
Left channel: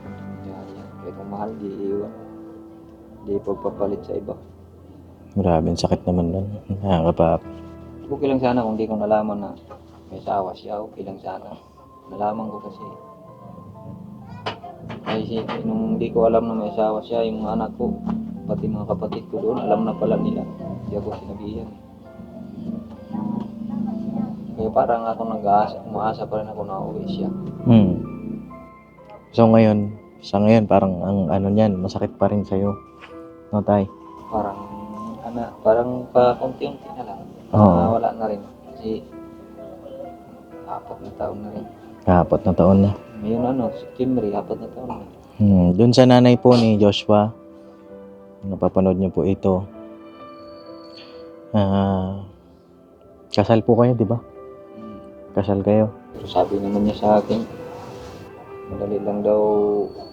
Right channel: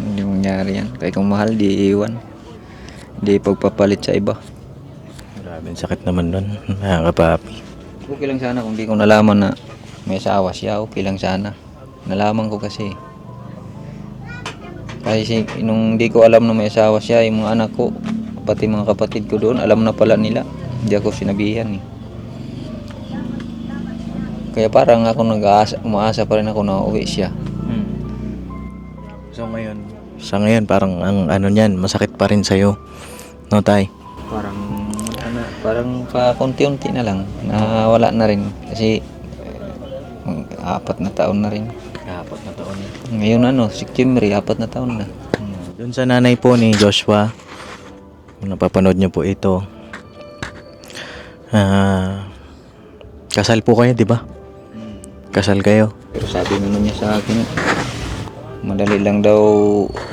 Hindi mangyari yan. Kaya kung mahal, di iiwan. Di pagpapalit sa iba. Grabe, sakit naman nun. Nakakapapi. Okay lang sana kung di ko nalaman na may asawa siya. Okay lang sana. Nalaman ko kasi. Kasi nung di ko alam na may asawa siya, yung mga anak ko, pati mga kapatid ko doon, alam na pala nila. Hindi ako sinabihan eh. Kaya parang ako umaasa pa rin ako na uwi siya. So ngayon, sa ngayon parang ang ano niyan, masakit pa rin sa'yo. No, Tay? Parang pa konti-unti na lang. Wala na rin. Kasi 4 na taon na rin. 4 na taon na. Ngayon September, 4 na taon na. Doon sa nanay po ni Joshua, kung napapanood niyo po ito, kasal po kayo, di ba? Kasal kayo. Pero sabi naman niya sa akin, madali lang daw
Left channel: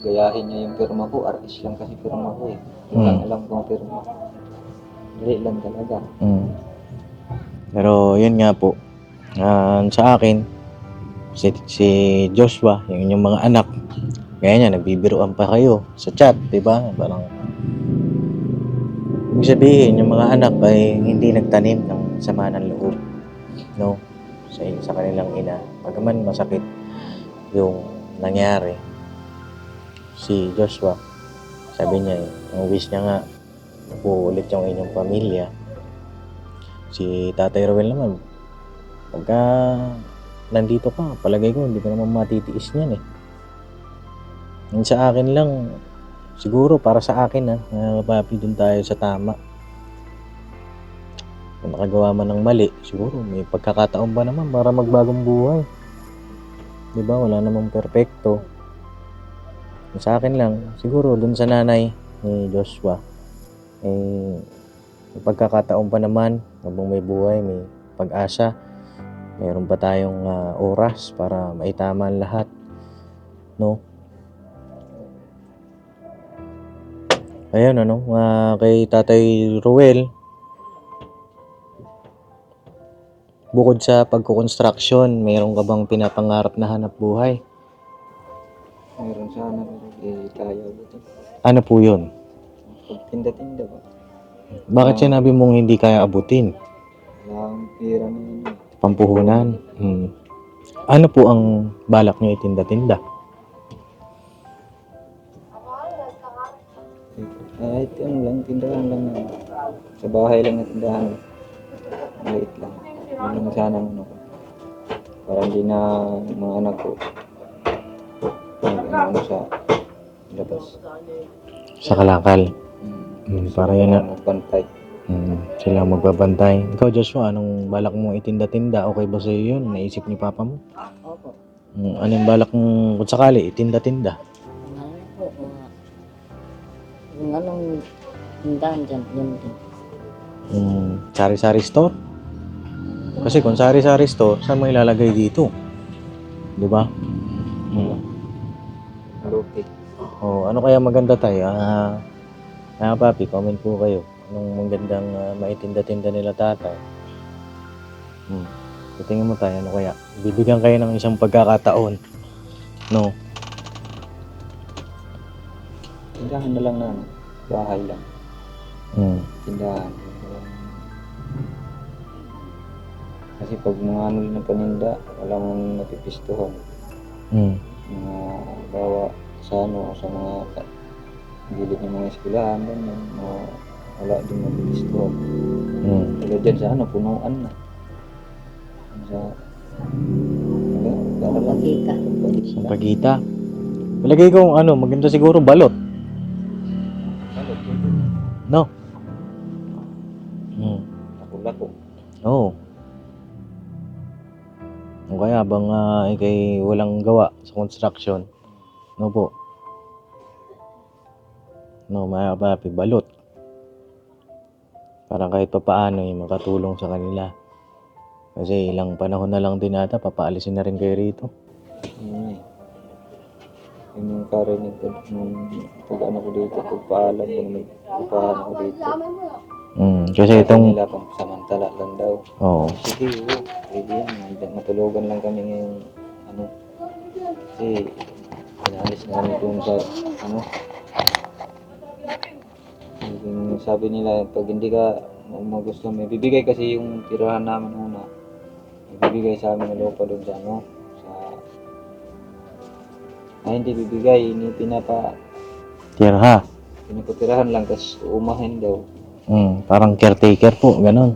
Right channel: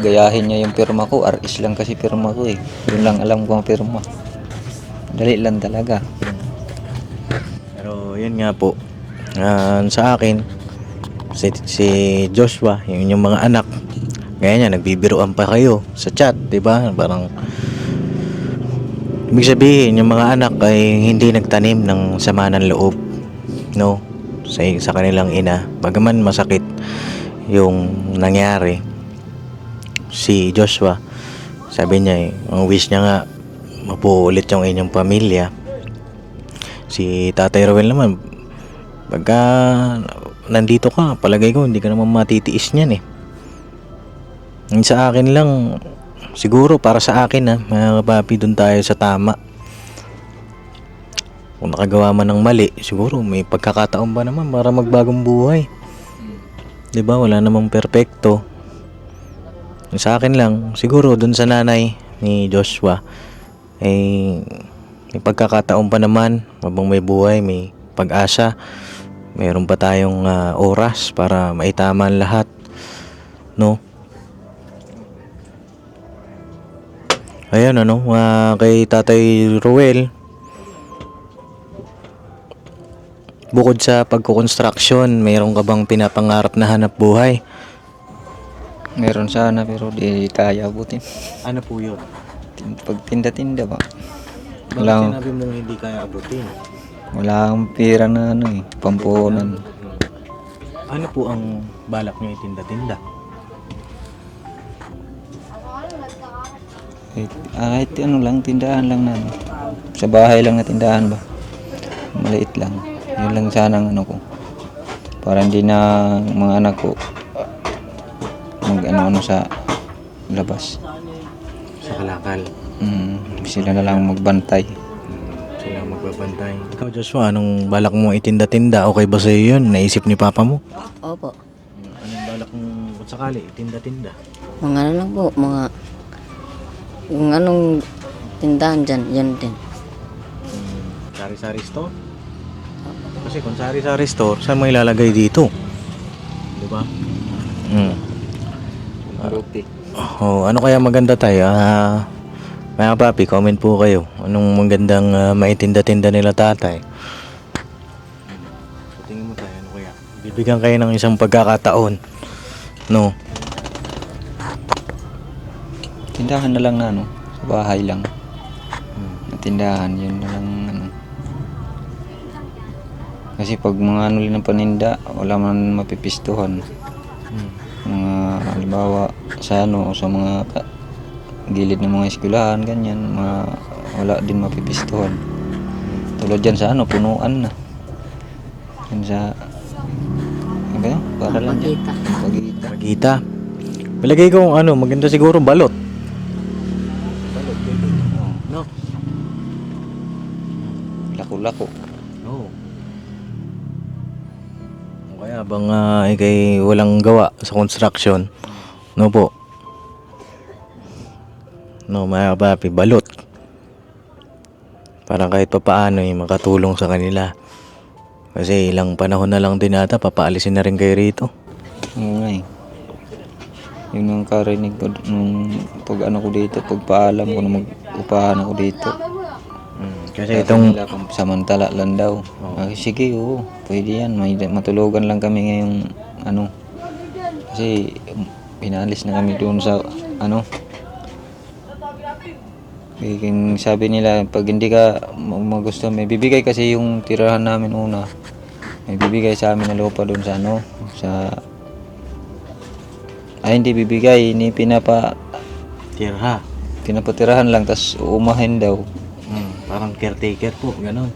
gayahin niya yung pirma ko. RS lang kasi pirma ko eh. Yun lang alam ko ang pirma. Dali lang talaga. Pero yun nga po, sa akin, si Joshua, yun yung mga anak, ngayon nagbibiroan pa kayo sa chat, di ba? Parang ibig sabihin, yung mga anak ay hindi nagtanim ng sama ng loob, no? Sa kanilang ina. Bagaman masakit yung nangyari, si Joshua, sabi niya ang wish niya nga mapuulit yung inyong pamilya. Si Tatay Ruel naman, pagka nandito ka, palagay ko hindi ka naman matitiis niyan eh. Sa akin lang, siguro para sa akin mga kapapi, dun tayo sa tama. Kung nakagawa man ng mali, siguro may pagkakataon ba naman para magbagong buhay. Diba? Wala namang perpekto. Sa akin lang, siguro dun sa nanay ni Joshua, may pagkakataon pa naman, habang may buhay, may pag-asa, mayroon pa tayong oras para maitama ang lahat, no? Ayan kay Tatay Ruel, bukod sa pagkukonstruksyon, mayroon ka bang pinapangarap na hanap buhay? Meron sana pero di kaya abutin. Ano po yun? Pagtinda-tinda ba? Bakit sinabi mong hindi kaya abutin? Wala akong pera na Pampuhunan. Ano po ang balak niyo itinda-tinda? Kahit lang, tindahan lang na sa bahay lang na tindahan ba? Maliit lang. Yun lang sana ang ko. Para hindi na mga anak ko mag sa labas. Sa kalakal. Sila na lang magbantay. Sila magbabantay. Ikaw, Joshua, anong balak mo itinda-tinda? Okay ba sa'yo yun? Naisip ni Papa mo? Opo. Anong balak mo kung sakali itinda-tinda? Mga ano lang po, mga Yung anong tindahan dyan, yan din. Sari-sari store? Kasi kung sari-sari store, saan mo ilalagay dito? Di ba? Ano kaya maganda tayo? Mga papi, comment po kayo. Anong magandang maitinda-tinda nila tatay? Tingin mo tayo, ano kaya? Bibigyan kayo ng isang pagkakataon. No? Tindahan na lang na ano, sa bahay lang. Tindahan, yun na lang ano. Kasi pag mga ano lang ng paninda, wala man mapipistuhan. Mga halimbawa sa ano o sa mga gilid ng mga eskwelahan, ganyan, wala din mapipistuhan. Tulad dyan sa ano, punuan na. Yan sa ganyan, para lang yan. Pagkita. Pagita. Palagay ko ano, maganda siguro balot. No? Lako-lako. Oo. O kaya bang ikay walang gawa sa construction? No po? No, mga papi, balot. Para kahit pa paano makatulong sa kanila. Kasi ilang panahon na lang din ata, papaalisin na rin kayo rito. Oo nga eh. Yun ang karinig ko nung pag ano ko dito, pagpaalam ko na mag-upahan ako dito. Kasi itong... Nila samantala lang daw. Oo. Ay, sige, oo, pwede yan. Matulugan lang kami ngayong ano. Kasi pinalis na kami doon sa ano. Sabi nila, pag hindi ka magusto, may bibigay kasi yung tirahan namin una. May bibigay sa amin na lupa doon sa ano, sa... Ay, hindi bibigay, Tira. pinapatirahan lang, tas uumahin daw. Parang caretaker po, ganon.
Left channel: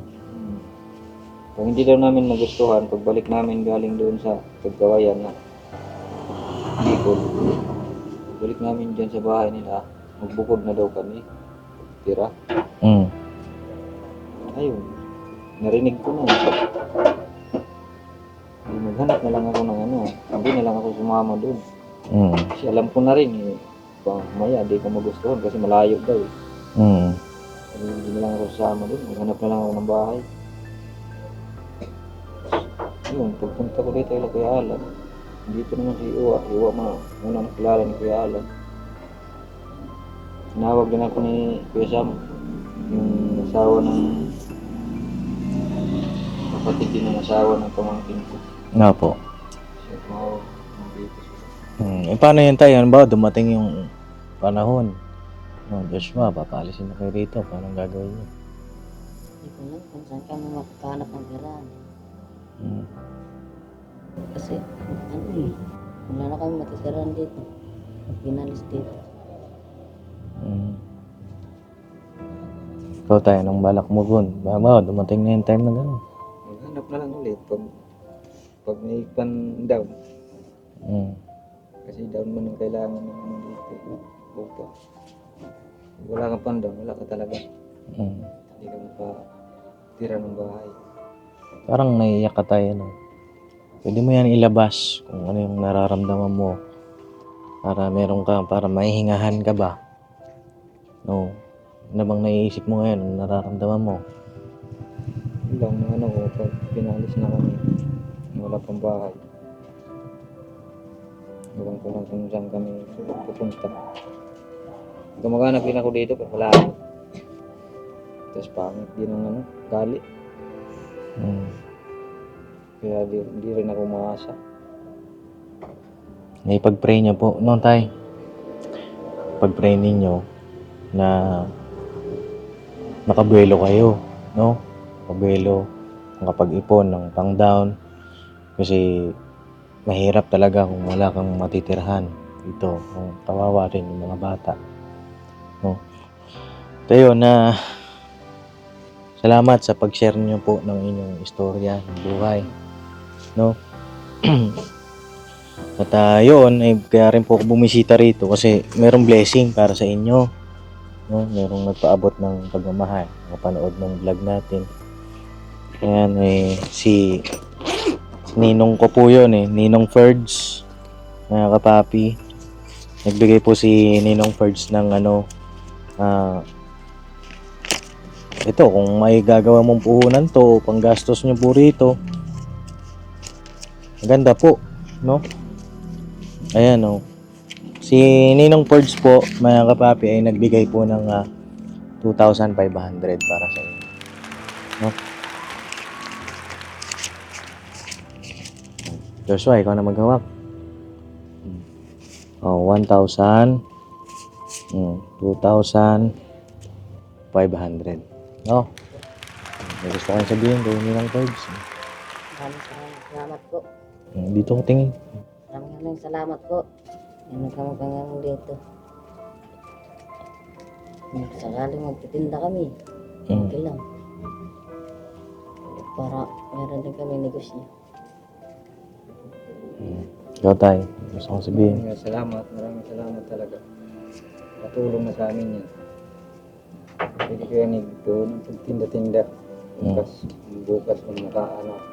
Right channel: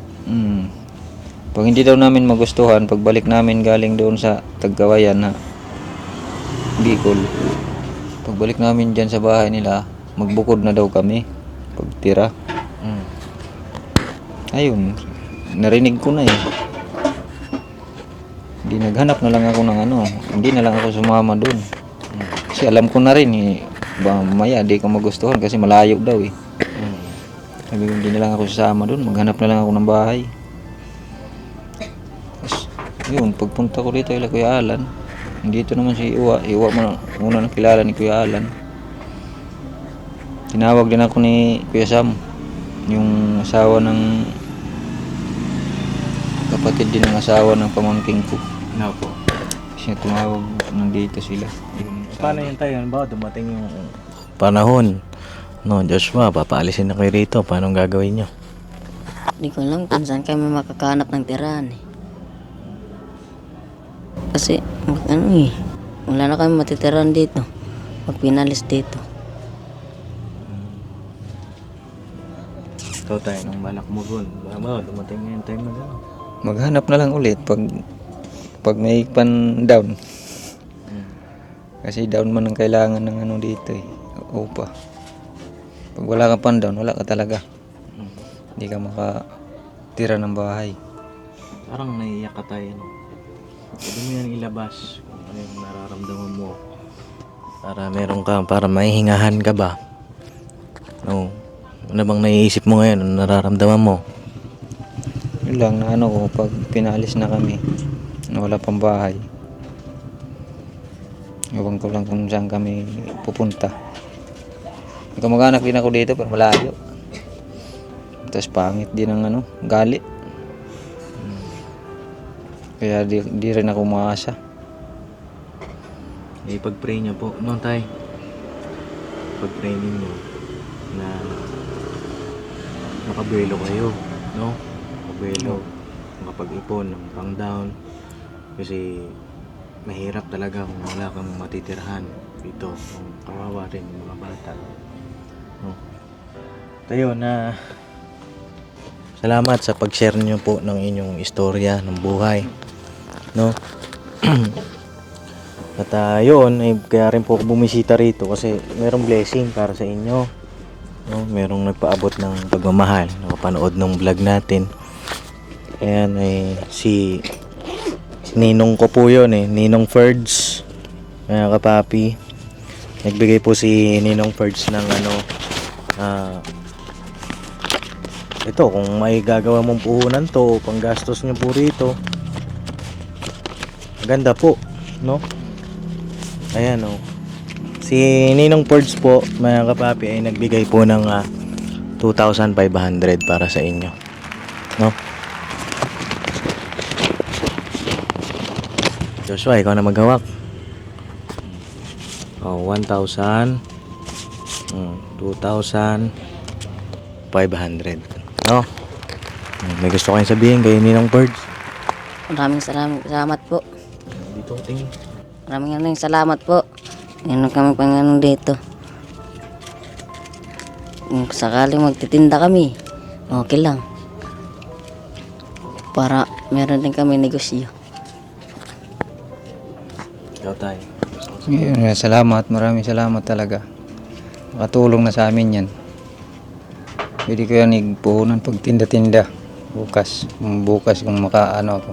Pag hindi daw namin magustuhan, pagbalik namin galing doon sa Tagkawayan na Bicol, pagbalik namin dyan sa bahay nila, magbukod na daw kami pagtira. Ayun, narinig ko na eh. Hindi, naghanap na lang ako ng ano, hindi na lang ako sumama doon. Kasi alam ko na rin eh, mamaya di ko magustuhan kasi malayo daw eh. Sabi ko, hindi na lang ako sasama doon, maghanap na lang ako ng bahay. Tapos, yun, pagpunta ko dito ila Kuya Alan, dito naman si Iwa muna nakilala ni Kuya Alan. Tinawag din ako ni Kuya Sam, yung asawa ng kapatid din ng asawa ng pamangking ko. Nga po. Siya tumawag, nandito sila. Paano yun tayo? Ano ba? Dumating yung panahon. No, Joshua, papaalisin na kayo rito. Paano gagawin nyo? Hindi ko alam kung saan kami makakahanap ng tirahan eh. Kasi, ano eh, wala na kami matitirahan dito. Pag pinalis dito. Ikaw tayo, nung balak mo gun. Mama, dumating na yung time na gano'n. Maghanap na lang ulit pag may pan down. Kasi down man ang kailangan ng ano dito eh. Upa. Pag wala ka pan down, wala ka talaga. Hindi ka makatira ng bahay. Parang naiiyak ka tayo, no? Pwede mo yan ilabas kung ano yung nararamdaman mo. Para meron ka, para maihingahan ka ba? No. Ano bang naiisip mo ngayon? Ano nararamdaman mo? Yun lang na ano ko, pag pinalis na kami, na wala pang bahay. Ewan ko lang kung saan kami pupunta. Kamag-anak din ako dito, pero malayo. Tapos pangit din ang ano, gali. Kaya di rin ako maasa. Pag-pray niyo po. No, tay. Pag-pray ninyo na makabuelo kayo, no? Makabuelo, makapag-ipon ng pang-down. Kasi mahirap talaga kung wala kang matitirhan dito. Kung kawawa rin yung mga bata. No? Tayo na salamat sa pag-share niyo po ng inyong istorya ng buhay. No? At yun, kaya rin po ako bumisita rito kasi merong blessing para sa inyo. No? Merong nagpaabot ng pagmamahal, nakapanood ng vlog natin. Ayan, si Ninong ko po yun Ninong Ferds, mga kapapi. Nagbigay po si Ninong Ferds ng Ito, kung may gagawa mong puhunan to, panggastos nyo po rito, maganda po, no? Ayan, oh. Si Ninong Perds po, mga kapapi, ay nagbigay po ng 2,500 para sa inyo, no? Joshua, ikaw na maghawak. 1,000, 2,500, no? May gusto kayong sabihin kay Ninong Perds? Maraming salamat po. Dito ko tingin. Maraming salamat po. Ngayon kami pang dito. Kung sakaling magtitinda kami, okay lang. Para meron din kami negosyo. Ikaw tayo. Salamat, maraming salamat talaga. Makatulong na sa amin yan. Pwede ko yan igpuhunan pag tinda-tinda. Bukas kung makaano ako.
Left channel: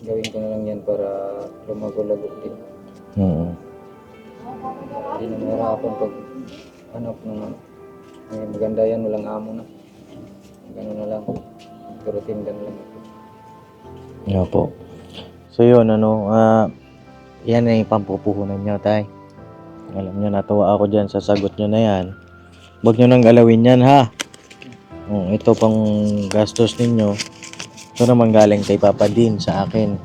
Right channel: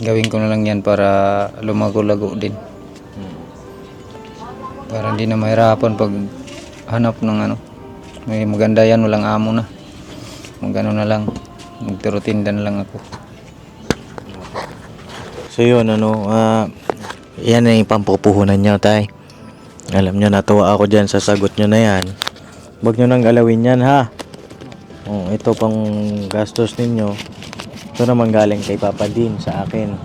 Gawin ko na lang yan para lumago-lago din. Para hindi na mahirapan pag hanap ng ano. May maganda yan, walang amo na. Magano na lang. Magtirutinda na lang ako. Opo. So yun, yan na yung pampupuhunan nyo, tay. Alam nyo, natuwa ako dyan sa sagot nyo na yan. Huwag nyo nang galawin yan, ha? Ito pang gastos ninyo. Ito naman galing kay Papa Din sa akin.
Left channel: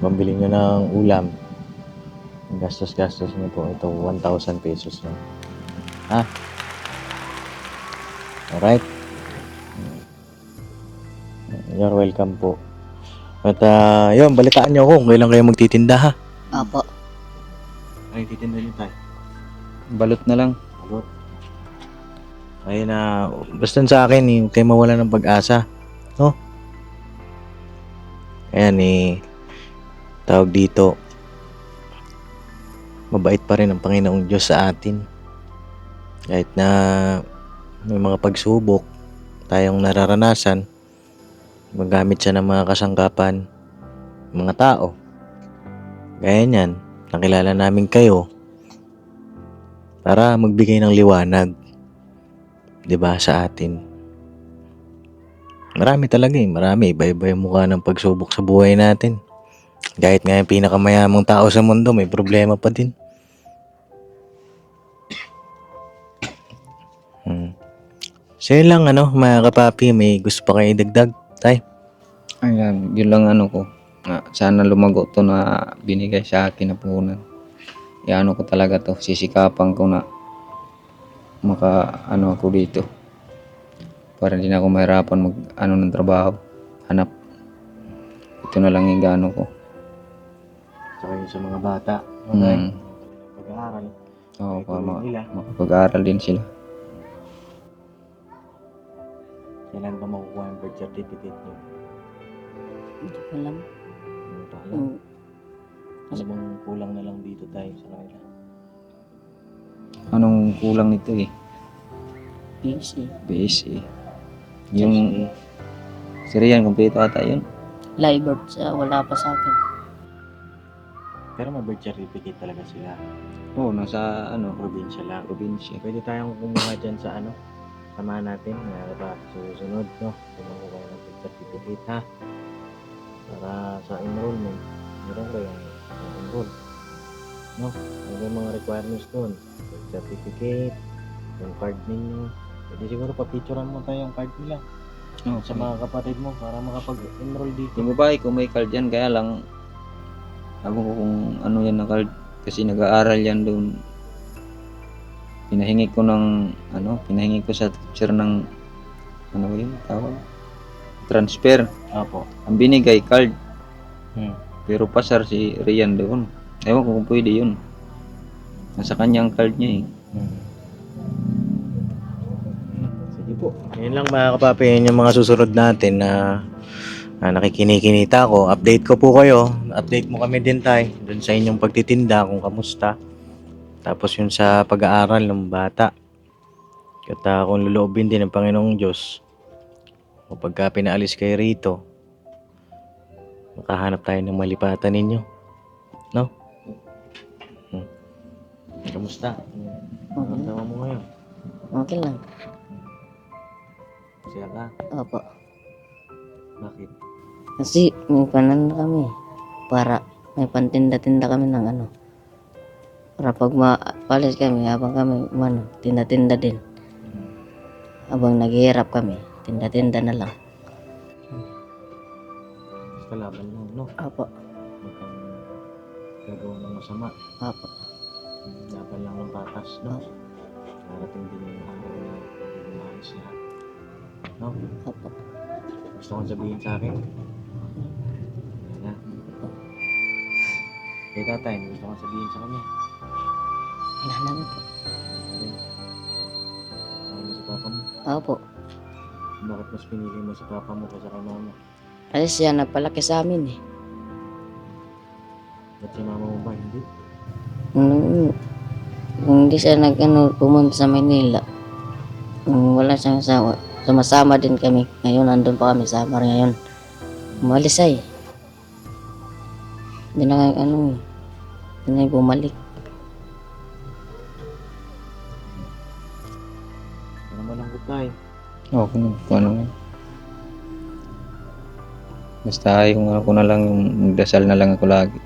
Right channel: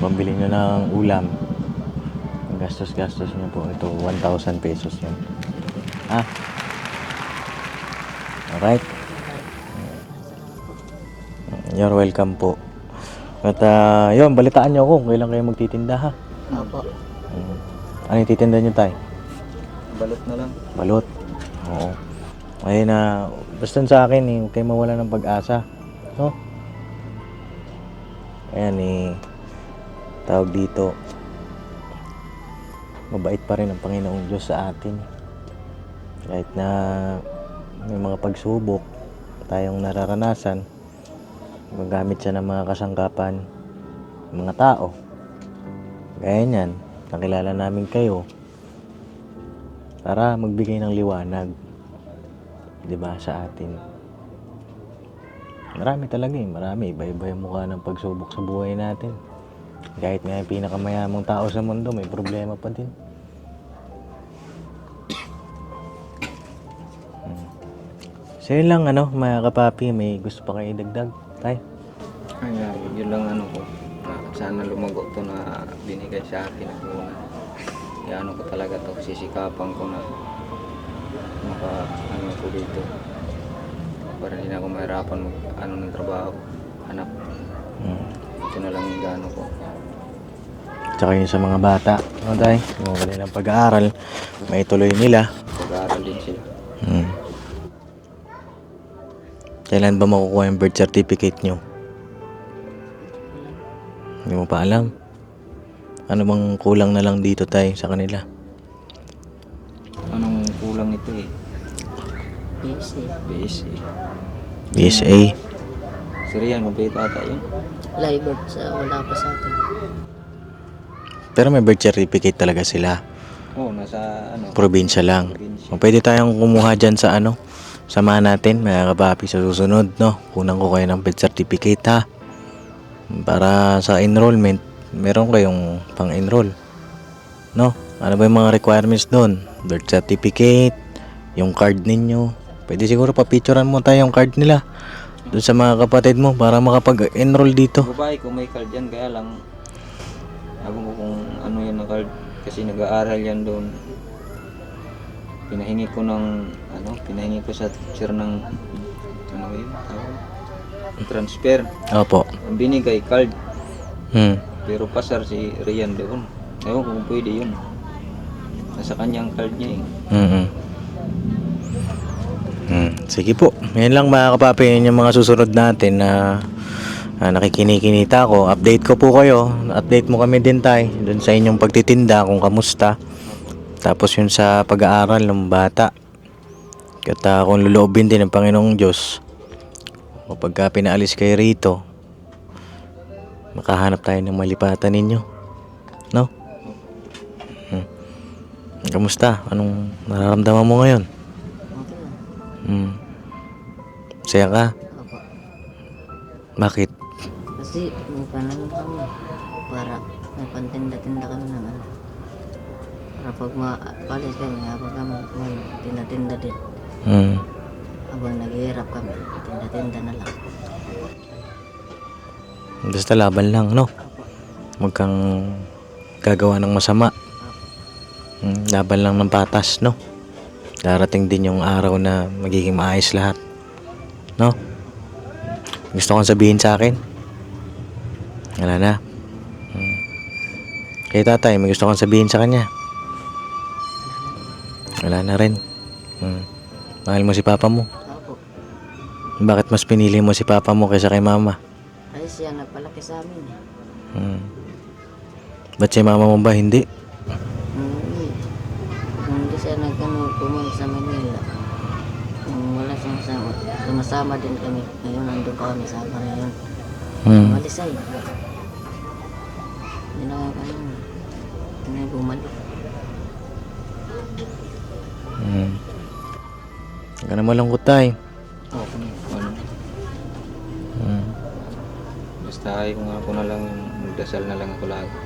Pambili nyo ng ulam. Gastos nyo po. Ito, 1,000 pesos yun. Ha? Alright? You're welcome po. At yun, balitaan nyo ako kung kailan kayo magtitinda, ha? Opo. Ano yung titinda nyo, tay? Balot na lang. Balot. Oo. Ayun na, basta sa akin, huwag kayo mawala ng pag-asa. No? Ayan tawag dito, mabait pa rin ang Panginoong Diyos sa atin. Kahit na may mga pagsubok tayong nararanasan, magamit siya ng mga kasangkapan, mga tao. Gaya niyan, nakilala namin kayo para magbigay ng liwanag, 'di ba, sa atin. Marami talaga marami. Iba-iba yung mukha ng pagsubok sa buhay natin. Kahit nga yung pinakamayamang tao sa mundo, may problema pa din. So yun lang, mga kapapi, may gusto pa kayo idagdag, tay? Ayan, yun lang ano ko. Sana lumago to na binigay sa akin na puhunan. Iano ko talaga to, sisikapan ko na ako dito. Para hindi na ako mahirapan ng trabaho, hanap. Ito na lang yung gano ko. Tsaka yun sa mga bata, tay? Yung kanilang pag-aaral, may tuloy nila. Pag-aaral din sila. Kailan ba makukuha yung birth certificate nyo? Alam. Hindi mo pa alam? Ano bang kulang na lang dito, tay, sa kanila? Anong kulang nito eh? Yes, eh. BSA. BSA. Sir yan, kompleto ata yan. Live wala pa sa atin. Pero may birth certificate talaga sila. Oo, nasa Probinsya lang. probinsya. O, pwede tayong kumuha dyan sa samahan natin, mga kapapi, sa susunod, no? Kunan ko kayo ng birth certificate, ha? Para sa enrollment, meron kayong pang-enroll, no? Ano ba yung mga requirements doon? Birth certificate, yung card ninyo. Pwede siguro pa-picturean mo tayo yung card nila doon sa mga kapatid mo para makapag-enroll dito. Babae ko may card yan, kaya lang ewan ko kung ano yan na card. Kasi nag-aaral yan doon. Pinahingi ko sa teacher ng yun, transfer. Opo. Ang binigay card, Hmm. pero pasar si Rian doon. Ewan ko kung pwede yun. Nasa kanyang card niya eh. Sige po. Ngayon lang, mga kapapi, yun yung mga susunod natin na nakikinikinita ko. Update ko po kayo. Update mo kami din, tay, dun sa inyong pagtitinda kung kamusta. Tapos yun sa pag-aaral ng bata. At kung luluobin din ng Panginoong Diyos, kapag pinaalis kayo rito, makahanap tayo ng malipatan ninyo, no? Kamusta? Anong nararamdaman mo ngayon? Okay lang. Saya ka? Opo. Bakit? Kasi may panan kami. Para may pantinda-tinda kami ng ano. Para pag maalis kami, habang kami tinda-tinda din. Habang naghihirap kami, tinda-tinda na lang. Basta laban lang, no? Opo. Huwag kang gagawa ng masama. Opo. Laban lang ng patas, no? Darating din yung araw na magiging maayos lahat. No? Gusto kong sabihin sa akin? Wala na. Kay tatay, may gusto kong sabihin sa kanya? Wala na rin. Mahal mo si papa mo? Opo. Bakit mas pinili mo si papa mo kaysa kay mama? Kasi siya nagpalaki sa amin eh. Ba't si mama mo ba hindi? Kung hindi siya pumunta sa Manila, kung wala siyang asawa, sumasama din kami. Ngayon, nandun pa kami sa Samar ngayon. Umalis ay. Hindi na hindi na bumalik. Huwag ka na malungkot tayo. Okay na. Kung ano. Basta yung ako na lang, magdasal na lang ako lagi.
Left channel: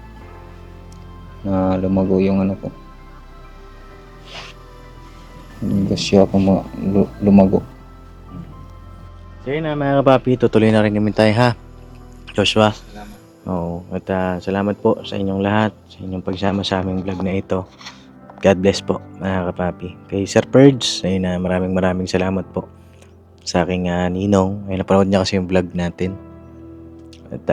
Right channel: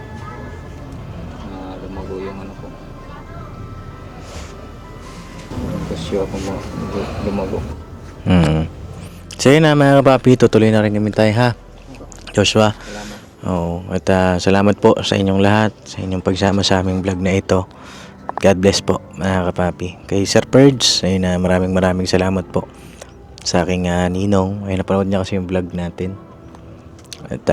Lumago yung ano ko. Gusto ako lumago. So yun na mga kapapi, tutuloy na rin kami tayo ha. Joshua. Oo, at salamat po sa inyong lahat, sa inyong pagsama sa aming vlog na ito. God bless po mga kapapi. Kay Sir Purge, ayun na, maraming salamat po sa aking ninong. Ayun, napanood niya kasi yung vlog natin. At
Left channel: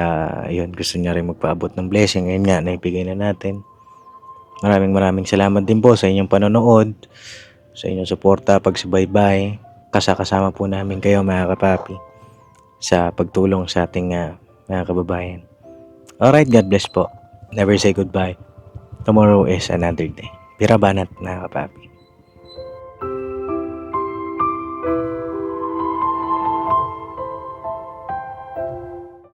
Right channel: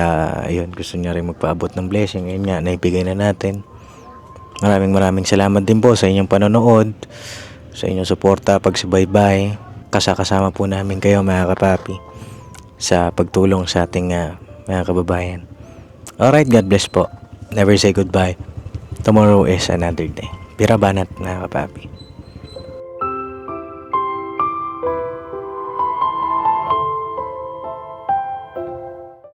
ayun, gusto niya rin magpaabot ng blessing. Ayun nga, naibigay na natin. Maraming salamat din po sa inyong panonood, sa inyong suporta, pagsubaybay. Kasama po namin kayo mga kapapi sa pagtulong sa ating mga kababayan. Alright, God bless po. Never say goodbye. Tomorrow is another day. Birabanat mga kapapi.